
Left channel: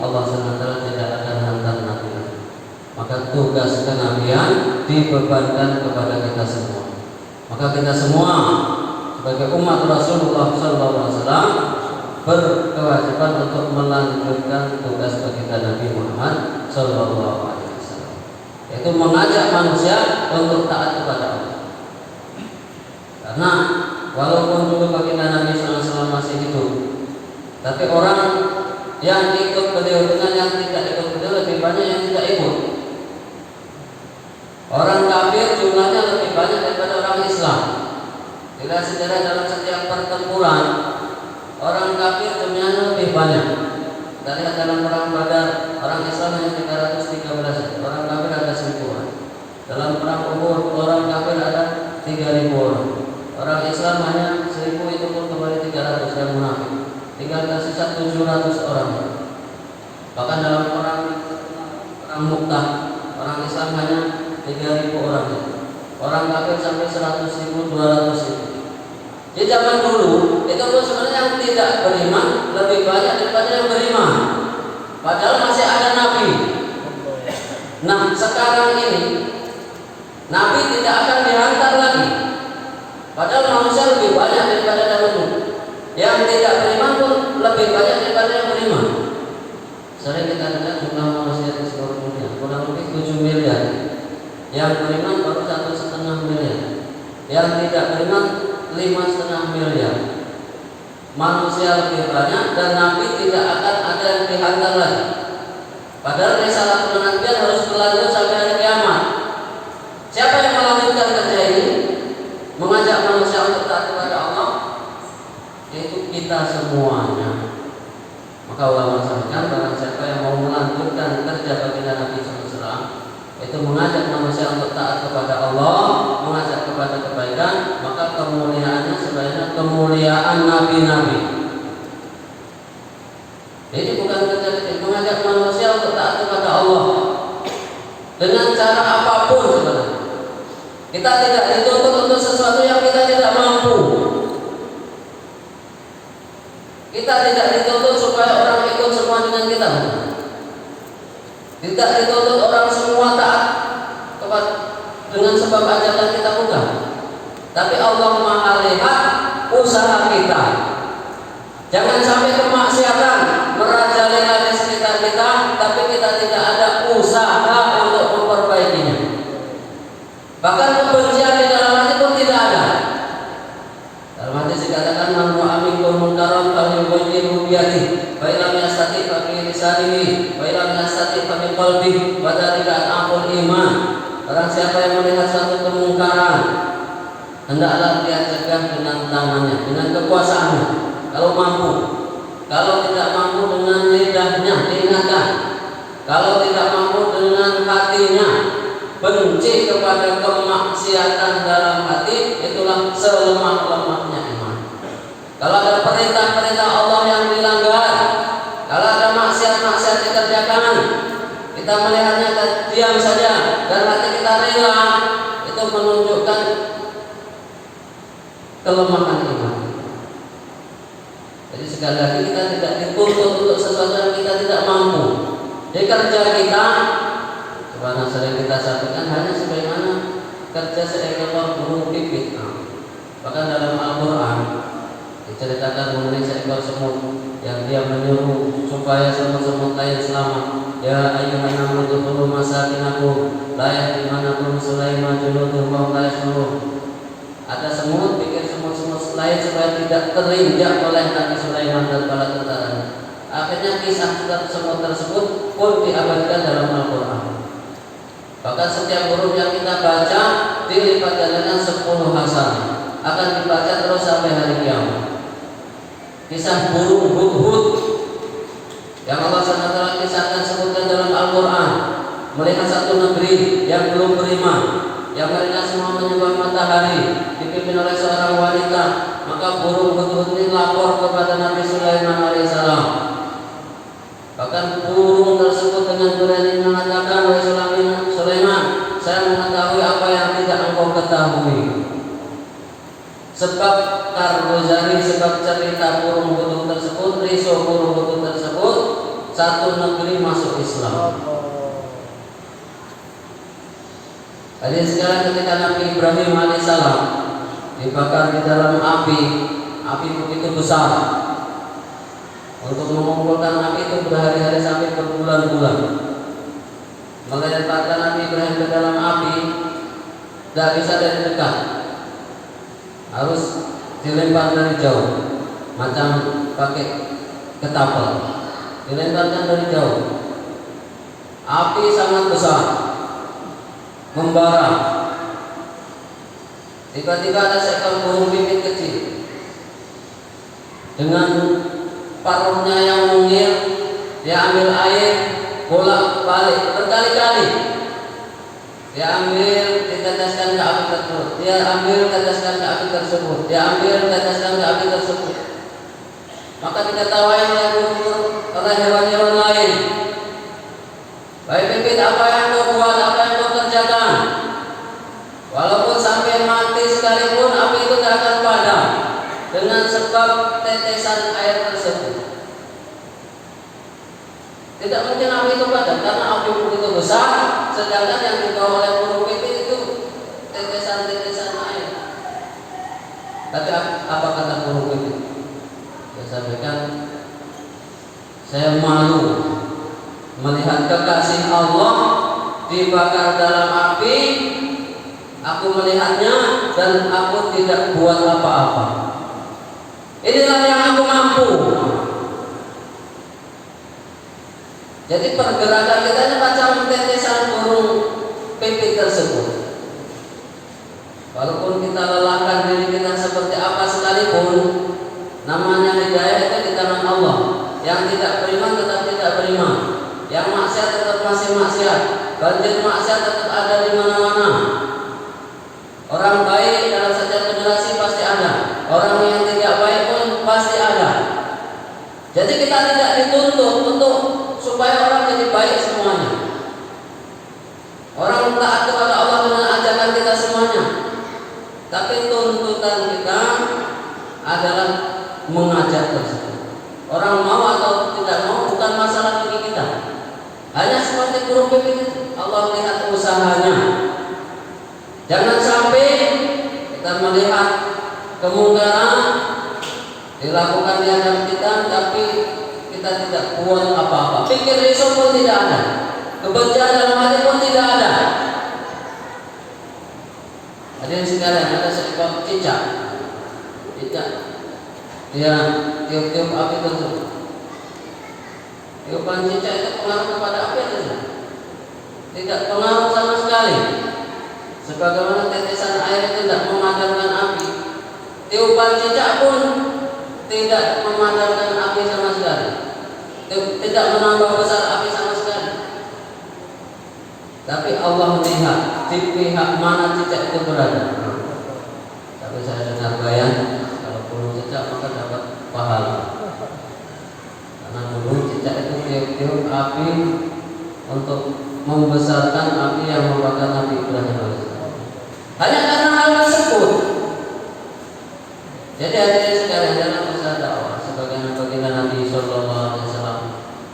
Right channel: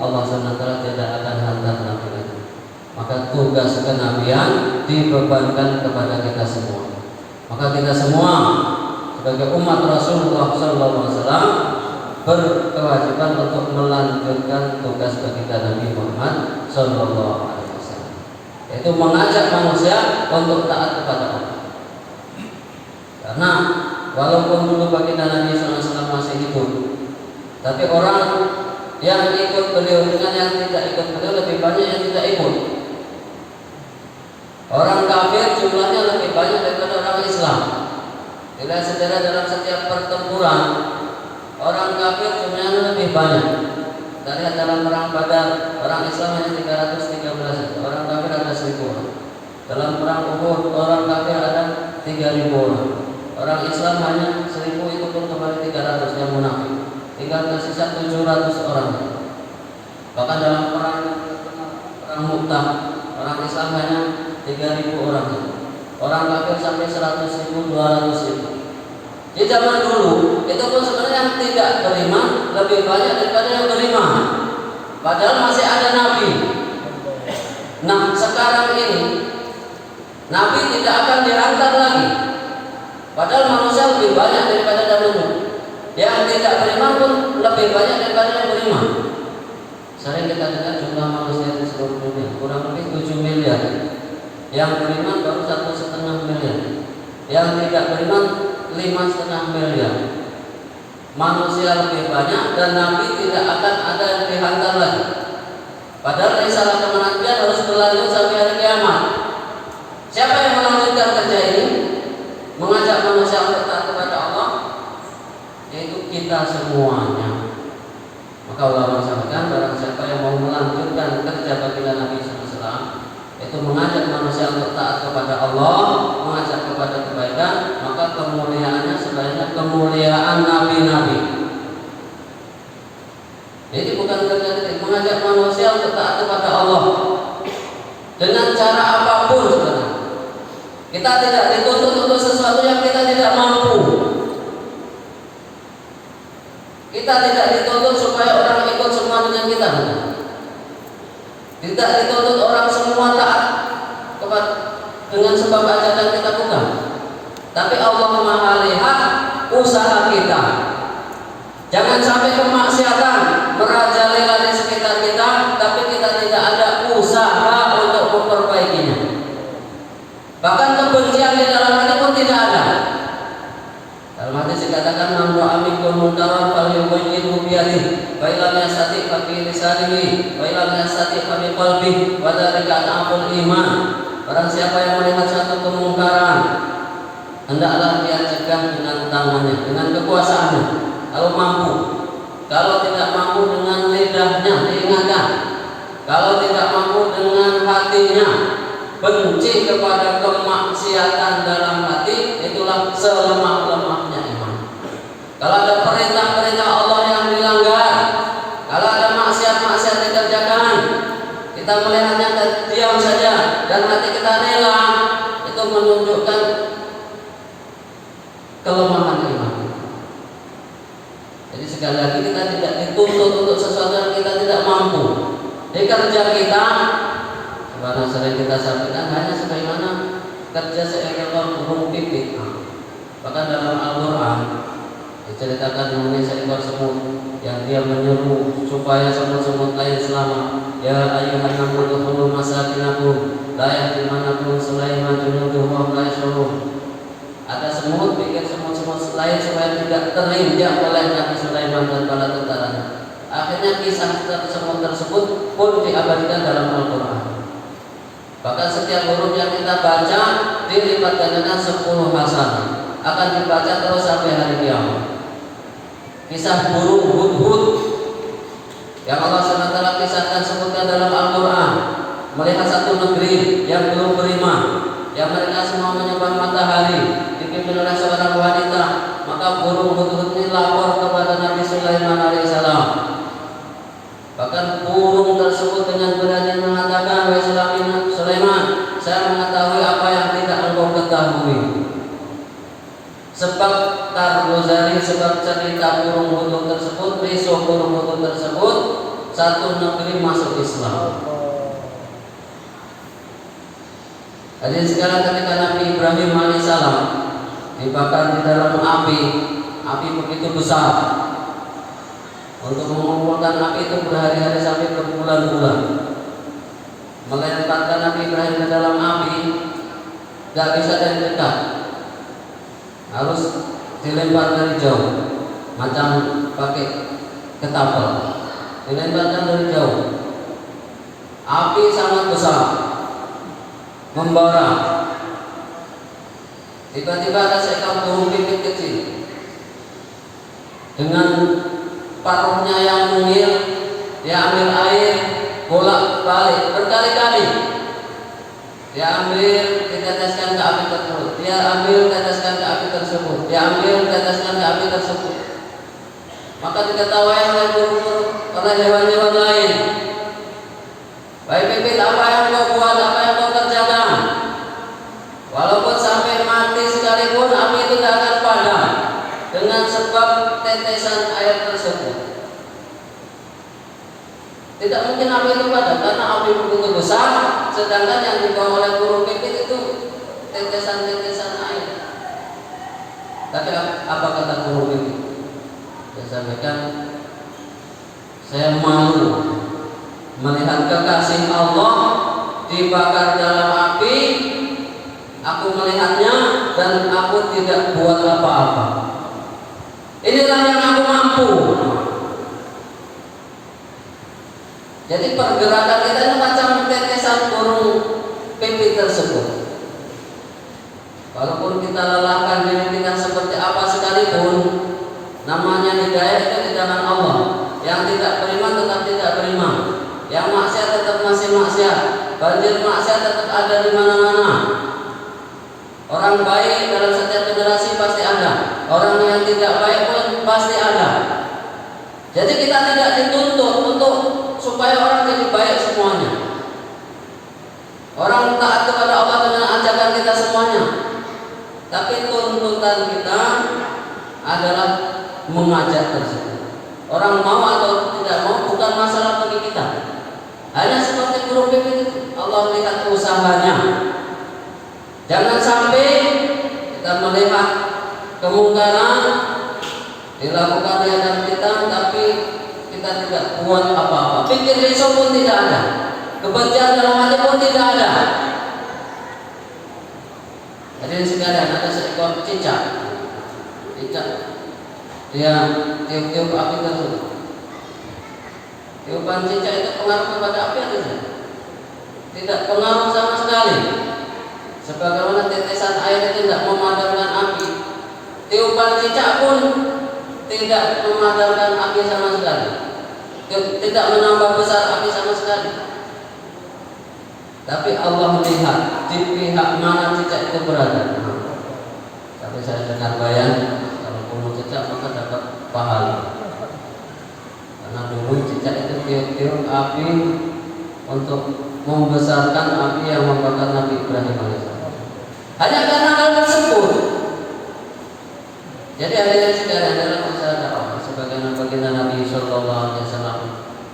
Allah SWT tidak akan hantar Nabi lagi. Maka tugas kenabian dibebankan kepada kita semua. Maka kita semua sebagai umat Rasulullah SAW berkewajiban untuk melanjutkan tugas baginda Nabi Muhammad SAW, yaitu mengajak manusia untuk taat kepada Allah. Karena walaupun dulu baginda Nabi SAW masih hidup, tapi orang yang ikut beliau dengan yang tidak ikut beliau lebih banyak yang tidak ikut. Orang kafir jumlahnya lebih banyak daripada orang Islam. Tidak sejarah dalam setiap pertempuran, orang kafir jumlahnya lebih banyak. Kita lihat dalam perang Badar, orang Islam hanya 313, orang kafir ada 1000 orang. Dalam perang Uhud, orang kafir ada 3000 orang. Orang Islam hanya 1000, itu pun kembali 300 yang munafik. Tinggal tersisa 700 orang. Bahkan dalam perang Mu'tah, orang Islam hanya 3000 orang. Orang kafir sampai 100.000, 200.000. Di zaman dulu itu pun sebenarnya yang tidak beriman lebih banyak daripada yang beriman. Padahal masih ada Nabi. Nah sekarang ini Nabi tidak akan dihantar lagi. Padahal manusia lebih banyak daripada dahulu. Yang tidak beriman pun lebih banyak daripada yang beriman. Sering kita dengar jumlah manusia di seluruh dunia kurang lebih 7 miliar. Yang beriman baru 1,5 miliar. Yang tidak beriman 5,5 miliar. Manusia lebih banyak dan Nabi tidak akan ada yang dihantar lagi. Padahal risalah kenabian harus berlanjut sampai hari kiamat. Siapa yang melanjutkan kerja ini? Mengajak manusia untuk taat kepada Allah, yaitu kita semuanya. Maka ulama sampaikan, barang siapa yang mau melanjutkan kerja baginda Nabi SAW, itu mengajak manusia untuk taat kepada Allah, mengajak kepada kebaikan, maka kemuliaannya sebenarnya kemuliaan nabi-nabi. Jadi bukan kerja mengajak manusia untuk taat kepada Allah dengan cara apapun sebenarnya. Kita tidak dituntut untuk sesuatu yang kita tidak mampu. Kita tidak dituntut supaya orang ikut semua dengan kita. Tidak dituntut orang semua taat kepada dengan sebab ajakan kita, bukan. Tapi Allah Maha lihat usaha kita. Jangan sampai kemaksiatan merajalela di sekitar kita, tapi kita tidak ada usaha untuk memperbaikinya. Bahkan kebencian di dalam hati pun tidak ada. Dalam hadis dikatakan man ra'a minkum munkaran falyughayyirhu bi yadihi, fa illam yastati' fa bi lisanihi, fa illam yastati' fa bi qalbihi, wa dzalika al-'aful iman. Barang siapa yang melihat suatu kemungkaran, hendaklah dia cegah dengan tangannya, dengan kekuasaannya. Kalau mampu, kalau tidak mampu dengan lidahnya, diingatkan. dengan hatinya benci kepada kemaksiatan dalam hati, itulah selemah-lemahnya iman. Kalau ada perintah-perintah Allah yang dilanggar, kalau ada maksiat-maksiat dikerjakan, kita melihatnya dan diam saja dan hati kita rela, itu menunjukkan kelemahan iman. Jadi sekali lagi kita tidak dituntut untuk sesuatu yang kita tidak mampu. Di kerja kita, karena sering kita sampaikan, hanya sebagaimana kerja seekor burung pipit. Bahkan dalam Al-Quran diceritakan mengenai seekor semut yang dia menyuruh supaya semut-semut lain selamat. Ya ayyuhan namu udkhulu masakinakum la yahtimanakum Sulaiman junuduhu wa hum la yash'urun. Ada semut, pikir semut-semut lain supaya tidak terinjak oleh Nabi Sulaiman dan bala tentaranya. Akhirnya kisah semut tersebut pun diabadikan dalam Al-Quran. Bahkan setiap huruf yang kita baca dilipat gandakan 10 hasanah, akan dibaca terus sampai hari kiamat. Kisah burung hudhud yang Allah SWT kisahkan sebutkan dalam Al-Quran, melihat satu negeri yang belum beriman, yang mereka semua menyembah matahari, dipimpin oleh seorang wanita. Maka burung hudhud ini lapor kepada Nabi Sulaiman alaihissalam. Bahkan burung tersebut dengan berani mengatakan, wahai Sulaiman, saya mengetahui apa yang tidak engkau ketahui. Sebab Tarwazari, sebab cerita burung hudhud tersebut, risau burung hudhud tersebut, satu negeri masuk Islam. Jadi sekarang ketika Nabi Ibrahim alaihissalam dibakar di dalam api begitu besar. Untuk mengumpulkan api itu berhari-hari sampai berbulan-bulan. Melemparkan Nabi Ibrahim ke dalam api tidak bisa dari dekat, harus dilempar dari jauh, macam pakai ketapel, dilemparkan dari jauh. Api sangat besar, membara. Tiba-tiba ada seekor burung pipit kecil dengan paruhnya yang mungil, dia ambil air bolak-balik berkali-kali. Dia ambil, diteteskan ke api tersebut. Dia ambil, teteskan ke api tersebut. Dia ambil, teteskan ke api tersebut. Maka diketahui oleh hewan-hewan lain. Baik pipit, apa yang kau buat, apa yang kau kerjakan? Walaupun sampai mati sekalipun, api itu tidak akan padam dengan sebab tetesan air tersebut. Tidak mungkin api itu padam karena api begitu besar, sedangkan yang dibawa oleh burung pipit itu tetesan-tetesan air. Tapi apa kata burung pipit? Dia sampaikan, saya malu melihat kekasih Allah dibakar dalam api. Aku melihatnya dan aku tidak buat apa-apa. Inilah yang aku mampu. Jadi pergerakan kita ini macam tetesan burung pipit tersebut. Walaupun kita lelahkan diri kita seperti apa sekalipun, namanya hidayah itu di tangan Allah. Yang tidak beriman tetap tidak beriman, yang maksiat tetap masih maksiat, banjir maksiat tetap ada di mana-mana. Orang baik dalam setiap generasi pasti ada, orang yang tidak baik pun pasti ada. Jadi kita tidak dituntut untuk supaya orang jadi baik semuanya. Orang taat kepada Allah dengan ajakan kita semuanya. Tapi tuntutan kita adalah mengajak tersebut. Orang mau atau tidak mau bukan masalah bagi kita. Hanya seperti burung pipit itu, Allah lihat usahanya. Jangan sampai kita melihat kemungkaran dilakukan di hadapan kita, tapi kita tidak buat apa-apa. Pikir risau pun tidak ada, kebencian dalam hati pun tidak ada. Hadirin sekalian, ada seekor cicak, dia tiup-tiup api tersebut. Tiupan cicak itu pengaruh kepada api itu tidak pengaruh sama sekali. Sebagaimana tetesan air itu tidak memadamkan api, tiupan cicak pun tidak memadamkan api sama sekali, tidak menambah besar api sama sekali. tapi Allah melihat di pihak mana cicak itu berada. Tapi saya dengar bayan, kalau bunuh cicak maka dapat pahala. Karena dulu cicak itu tiup-tiup api untuk membesarkan api yang membakar Nabi Ibrahim alaihissalam. Hanya karena hal tersebut. Jadi hadirin sekalian, dalam usaha dakwah sebagian baginda Nabi Sallallahu Alaihi Wasallam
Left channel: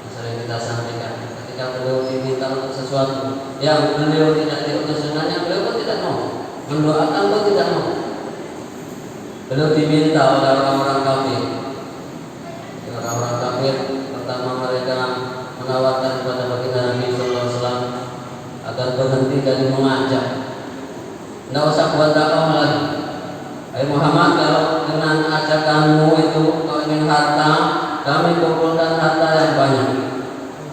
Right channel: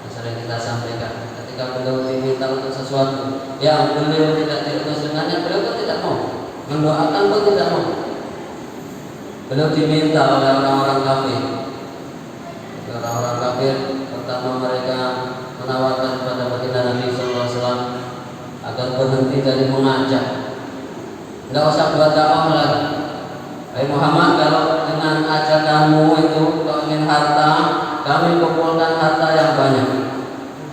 yang sering kita sampaikan, ketika beliau diminta untuk sesuatu yang beliau tidak diutus dengannya, beliau pun tidak mau, mendoakan pun tidak mau. Beliau diminta oleh orang-orang kafir. Orang-orang kafir pertama mereka menawarkan kepada baginda Nabi Sallallahu Alaihi Wasallam agar berhenti dari mengajak. Tidak usah buat dakwah lagi. Hai Muhammad, kalau dengan ajakanmu itu kau ingin harta, kami kumpulkan harta yang banyak,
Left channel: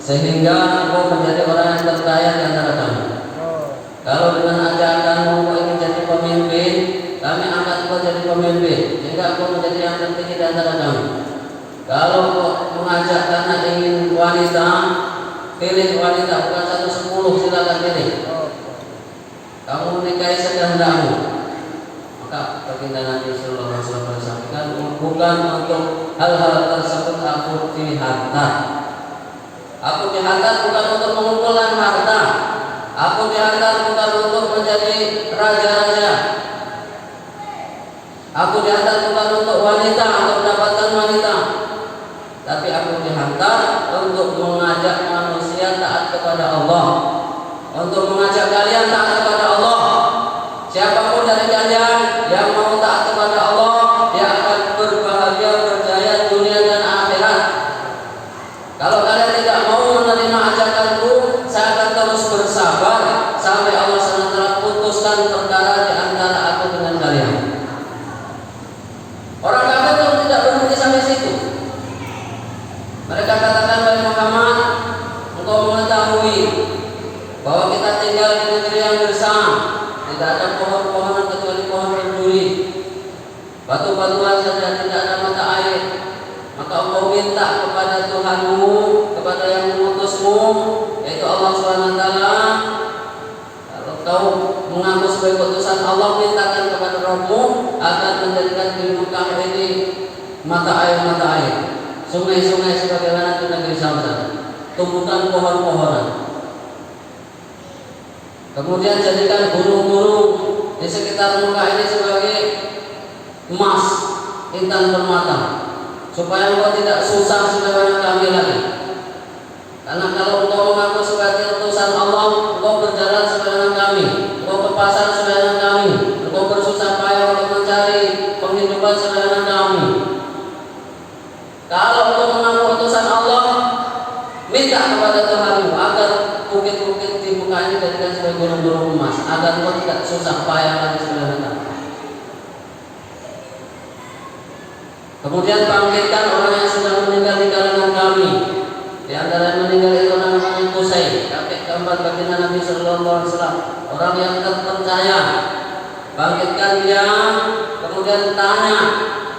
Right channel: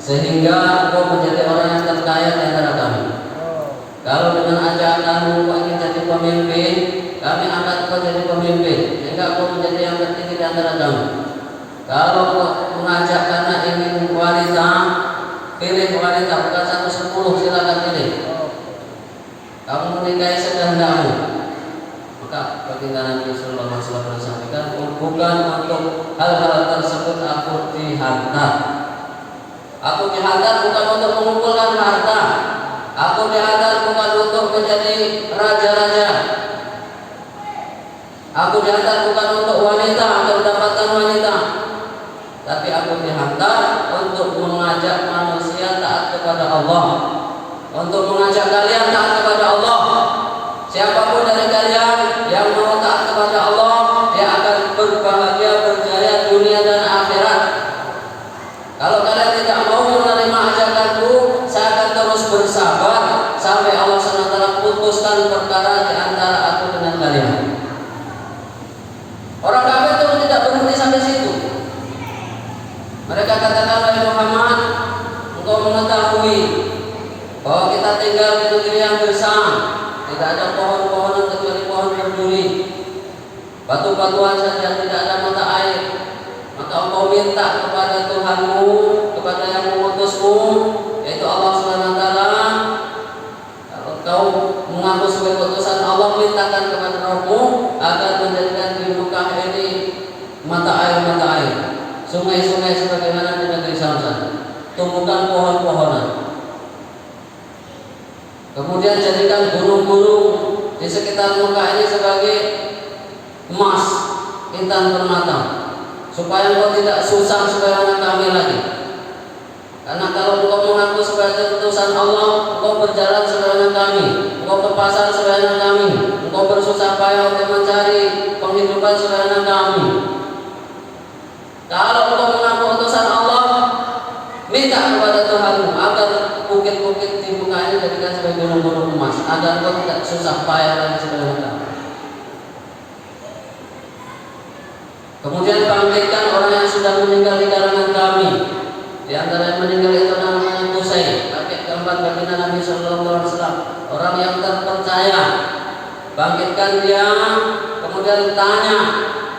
sehingga kau menjadi orang yang terkaya di antara kami. Kalau dengan ajakanmu kau ingin jadi pemimpin, kami angkat kau jadi pemimpin, sehingga kau menjadi yang tertinggi di antara kami. Kalau kau mengajak karena ingin wanita, pilih wanita, bukan 110, silakan pilih. Kamu menikahi sekehendakmu. Maka baginda Nabi Sallallahu Alaihi Wasallam sampaikan, bukan untuk hal-hal tersebut aku dihantar. Aku dihantar bukan untuk mengumpulkan harta. Aku dihantar bukan untuk menjadi raja-raja. Aku dihantar bukan untuk wanita atau mendapatkan wanita. Tapi aku dihantar untuk mengajak manusia taat kepada Allah. Untuk mengajak kalian taat kepada Allah. Siapapun dari kalian yang mau taat kepada Allah, dia akan berbahagia, berjaya dunia dan akhirat. Kalau kalian tidak mau menerima ajakanku, saya akan terus bersabar sampai Allah SWT putuskan perkara di antara aku dengan kalian. Orang kafir itu tidak berhenti sampai situ. Mereka katakan, wahai Muhammad, engkau mengetahui bahwa kita tinggal di negeri yang gersang, tidak ada pohon-pohonan kecuali pohon berduri, batu-batuan saja, tidak ada mata air. Maka engkau minta kepada Tuhanmu, kepada yang mengutusmu, yaitu Allah SWT. Kalau kau mengaku sebagai utusan Allah, mintakan kepada Rabbmu agar menjadikan di Mekah ini mata air, sungai-sungai sebagaimana di negeri Samsan. Tumbuhkan pohon-pohonan. Kemudian jadikan gunung-gunung di sekitar Mekah ini sebagai emas, intan permata, supaya engkau tidak susah sebagaimana kami lagi. Karena kalau engkau mengaku sebagai utusan Allah, engkau berjalan sebagaimana kami, engkau ke pasar sebagaimana kami, engkau bersusah payah untuk mencari penghidupan sebagaimana kami. Kalau engkau mengaku utusan Allah, minta kepada Tuhanmu agar bukit-bukit di muka ini jadikan sebagai gunung-gunung emas, agar engkau tidak susah payah lagi sebagaimana kami. Kemudian bangkitkan orang yang sudah meninggal di kalangan kami. Di antara yang meninggal itu namanya Qusay, kakek keempat baginda Nabi Sallallahu Alaihi Wasallam, orang yang terpercaya. Bangkitkan dia, kemudian tanya,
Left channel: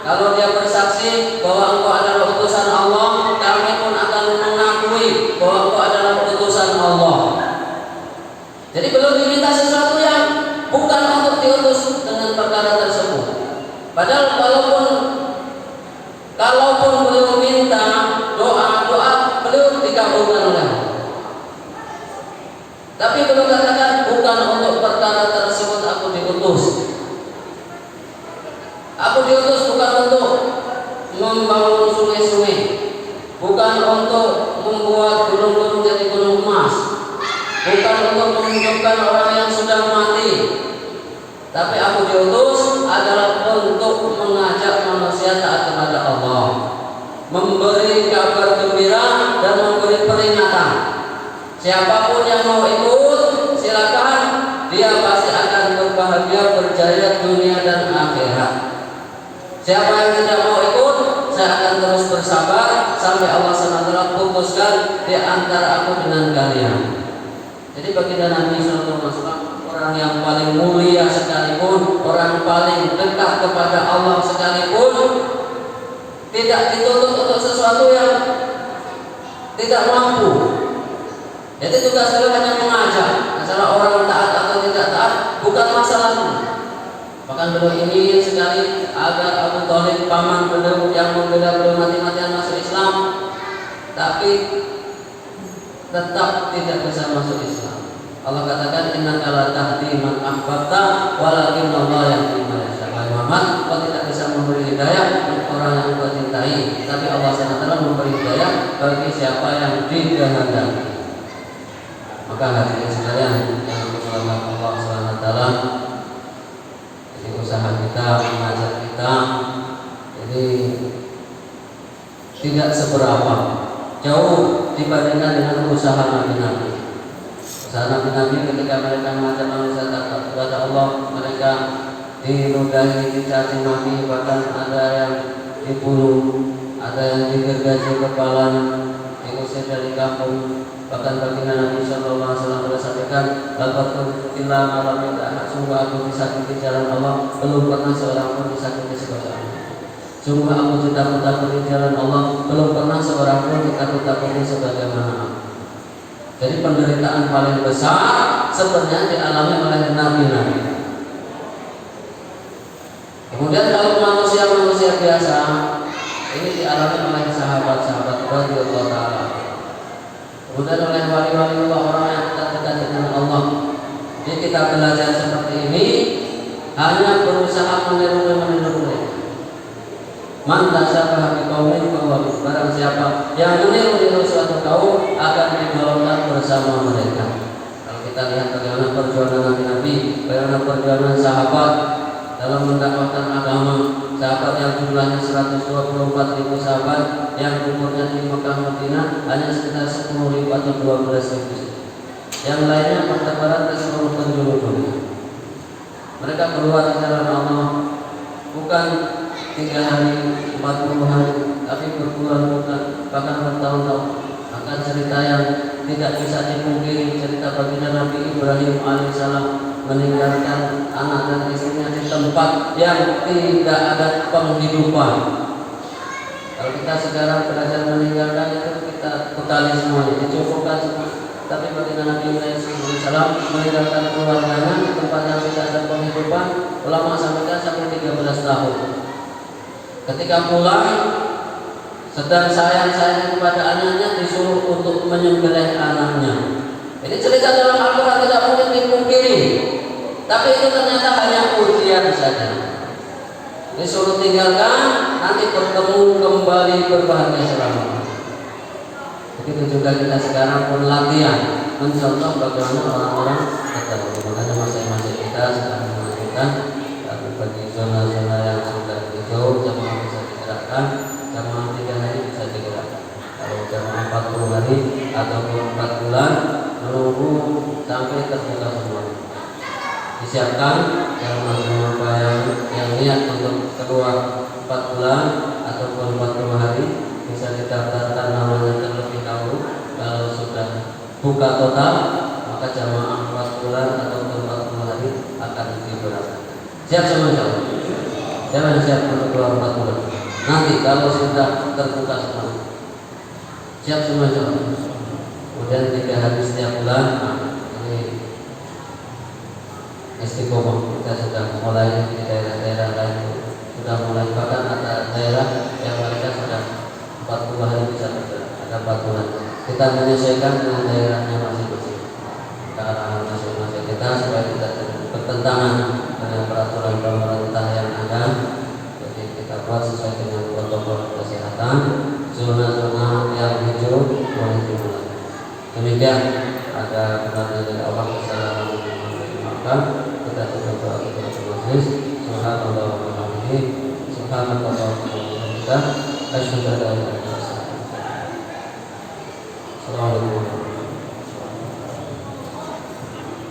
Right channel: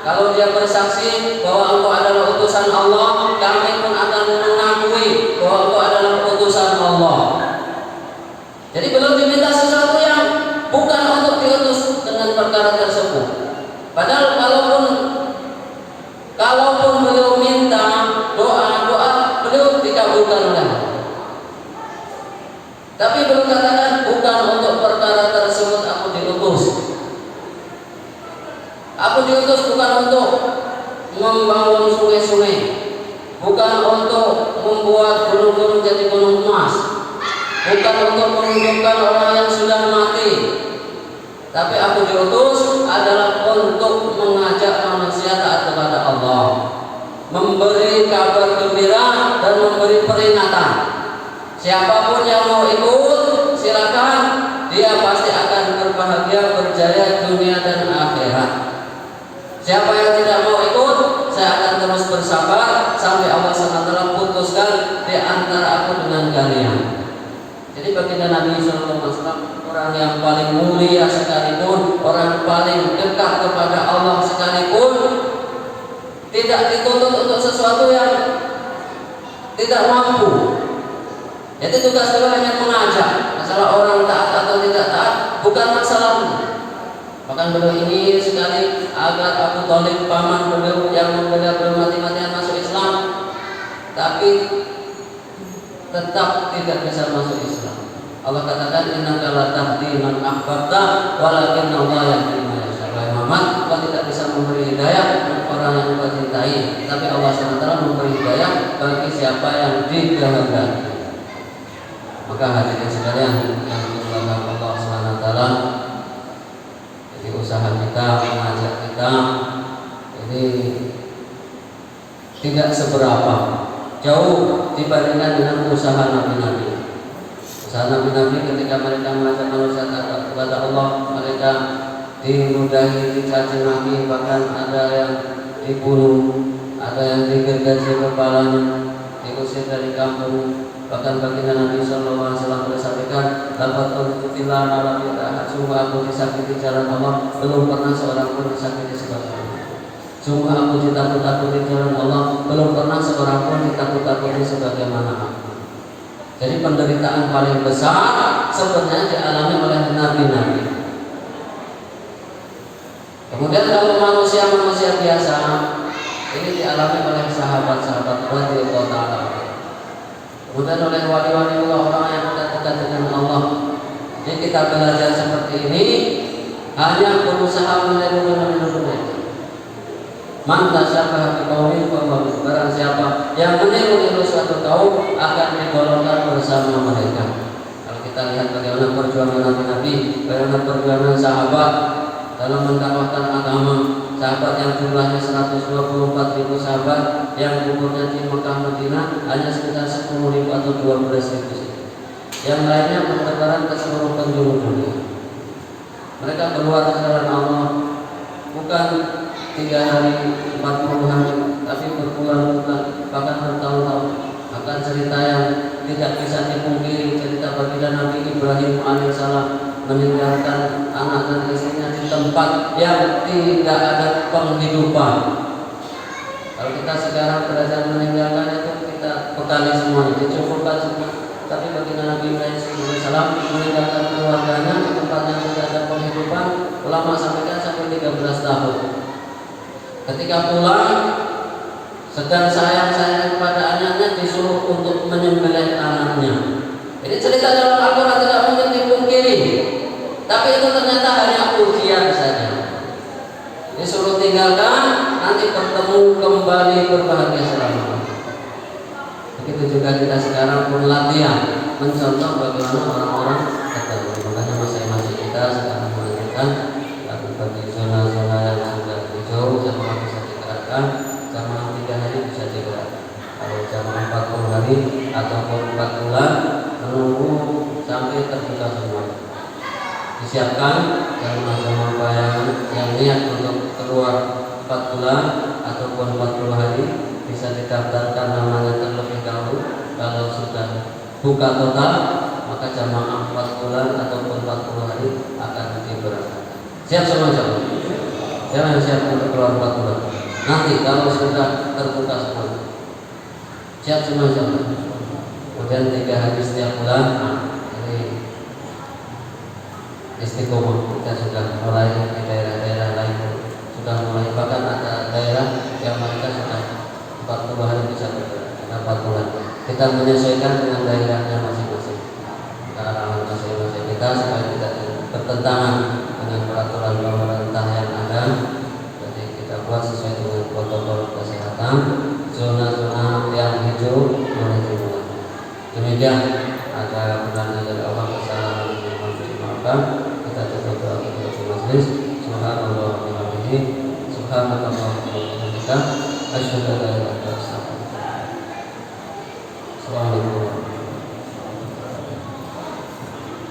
kalau dia bersaksi bahwa engkau adalah utusan Allah, kami pun akan mengakui bahwa engkau adalah utusan Allah. Jadi belum diminta sesuatu yang bukan untuk diutus dengan perkara tersebut. Padahal kalaupun beliau minta doa beliau dikabulkan oleh Allah. Tapi beliau katakan bukan untuk perkara tersebut aku diutus. Aku diutus bukan untuk membangun sungai-sungai, bukan untuk membuat gunung-gunung jadi gunung emas, bukan untuk menghidupkan orang yang sudah mati. Tapi aku diutus adalah untuk mengajak manusia taat kepada Allah, memberi kabar gembira dan memberi peringatan. Siapapun yang mau ikut, silakan. Dia pasti akan berbahagia, berjaya dunia dan akhirat. Siapa yang tidak mau ikut, saya akan terus bersabar sampai Allah SWT putuskan di antara aku dengan kalian. Jadi baginda Nabi SAW, orang yang paling mulia sekalipun, orang paling dekat kepada Allah sekalipun, tidak dituntut untuk sesuatu yang tidak mampu. Jadi tugas beliau hanya mengajak. masalah orang taat atau tidak taat bukan masalahnya. Bahkan beliau ingin sekali agar Abu Thalib paman beliau yang membela beliau mati-matian masuk Islam, tapi tetap tidak bisa masuk Islam. Allah katakan innaka la tahdi man ahbabta walakin Allah yahdi man yasha. Muhammad, kau tidak bisa memberi hidayah orang yang kau cintai, tapi Allah SWT memberi hidayah bagi siapa yang dikehendaki. Maka hadirin sekalian yang dirahmati Allah SWT, jadi usaha kita, mengajak kita ini tidak seberapa jauh dibandingkan dengan usaha Nabi-Nabi. Usaha Nabi-Nabi ketika mereka mengajak manusia kepada Allah, mereka diludahi, dicaci maki, bahkan ada yang dibunuh, ada yang digergaji kepalanya, diusir dari kampung. Bahkan baginda Nabi SAW sudah sampaikan, dapat terkutilah malam tidak, sungguh aku disakiti jalan Allah, belum pernah seorang pun disakiti seperti ini. Sungguh aku ditakut-takuti jalan Allah, belum pernah seorang pun ditakut-takuti sebagaimana aku. Jadi penderitaan paling besar sebenarnya dialami oleh Nabi-Nabi. Kemudian kalau manusia biasa, ini dialami oleh sahabat-sahabat radhiyallahu ta'ala. Kemudian oleh wali-wali Allah, orang yang dekat dengan Allah. Jadi kita belajar seperti ini hanya berusaha meniru mereka. Man tasyabaha biqaumin fahuwa barang siapa yang meniru suatu kaum akan digolongkan bersama mereka. Kalau kita lihat bagaimana perjuangan Nabi, bagaimana perjuangan sahabat dalam mendakwahkan agama, sahabat yang jumlahnya 124.000 sahabat yang umurnya di Mekah Madinah hanya sekitar 10.000 atau 12.000. Yang lainnya bertebaran ke seluruh penjuru dunia. Mereka keluar di jalan Allah bukan 3 hari, 40 hari, tapi berbulan-bulan, bahkan bertahun-tahun. Akan cerita yang tidak bisa dipungkiri, cerita baginda Nabi Ibrahim alaihissalam meninggalkan anak dan istrinya di tempat yang tidak ada penghidupan. Kalau kita sekarang belajar meninggalkan itu, kita bekali semuanya, dicukupkan semua. Tapi baginda Nabi Ibrahim alaihissalam meninggalkan keluarganya di tempat yang tidak ada penghidupan, ulama sampaikan sampai 13 tahun. Ketika pulang, sedang sayang-sayang kepada anaknya, disuruh untuk menyembelih anaknya. Ini cerita dalam Al-Quran tidak mungkin dipungkiri. Tapi itu ternyata hanya ujian saja. Disuruh tinggalkan, nanti bertemu kembali berbahagia selama. Begitu juga kita sekarang pun latihan mencontoh bagaimana orang-orang ketemu. Makanya masing-masing kita sedang menunjukkan bagi zona-zona yang sudah hijau, jamaah bisa digerakkan, jamaah 3 hari bisa digerakkan. Kalau jamaah 40 hari ataupun 4 bulan menunggu sampai terbuka semua. Disiapkan jamaah-jamaah yang niat untuk keluar 4 bulan ataupun 40 hari bisa didaftarkan namanya terlebih dahulu. Kalau sudah buka total, maka jamaah 4 bulan ataupun 40 hari akan diberangkatkan. Siap semua? Jangan siap untuk keluar 4 bulan. Nanti kalau sudah terbuka semua, siap semua. Kemudian 3 hari setiap bulan, ini istiqomah. Kita sudah mulai di daerah-daerah lain, sudah mulai, bahkan ada daerah yang mereka sudah 40 hari bisa bergerak, ada 4 bulan. Kita menyesuaikan dengan daerahnya masing-masing, karena masing-masing kita supaya tidak bertentangan dengan peraturan pemerintah yang ada. Jadi kita buat sesuai dengan protokol kesehatan. Zona-zona yang hijau boleh dimulai. Demikian, ada benarnya dari Allah. Wassalamualaikum warahmatullahi wabarakatuh. Kita coba doa kepada majelis. Subhanallah wa bihamdihi, subhanallah wa bihamdihi, asyhadu an la ilaha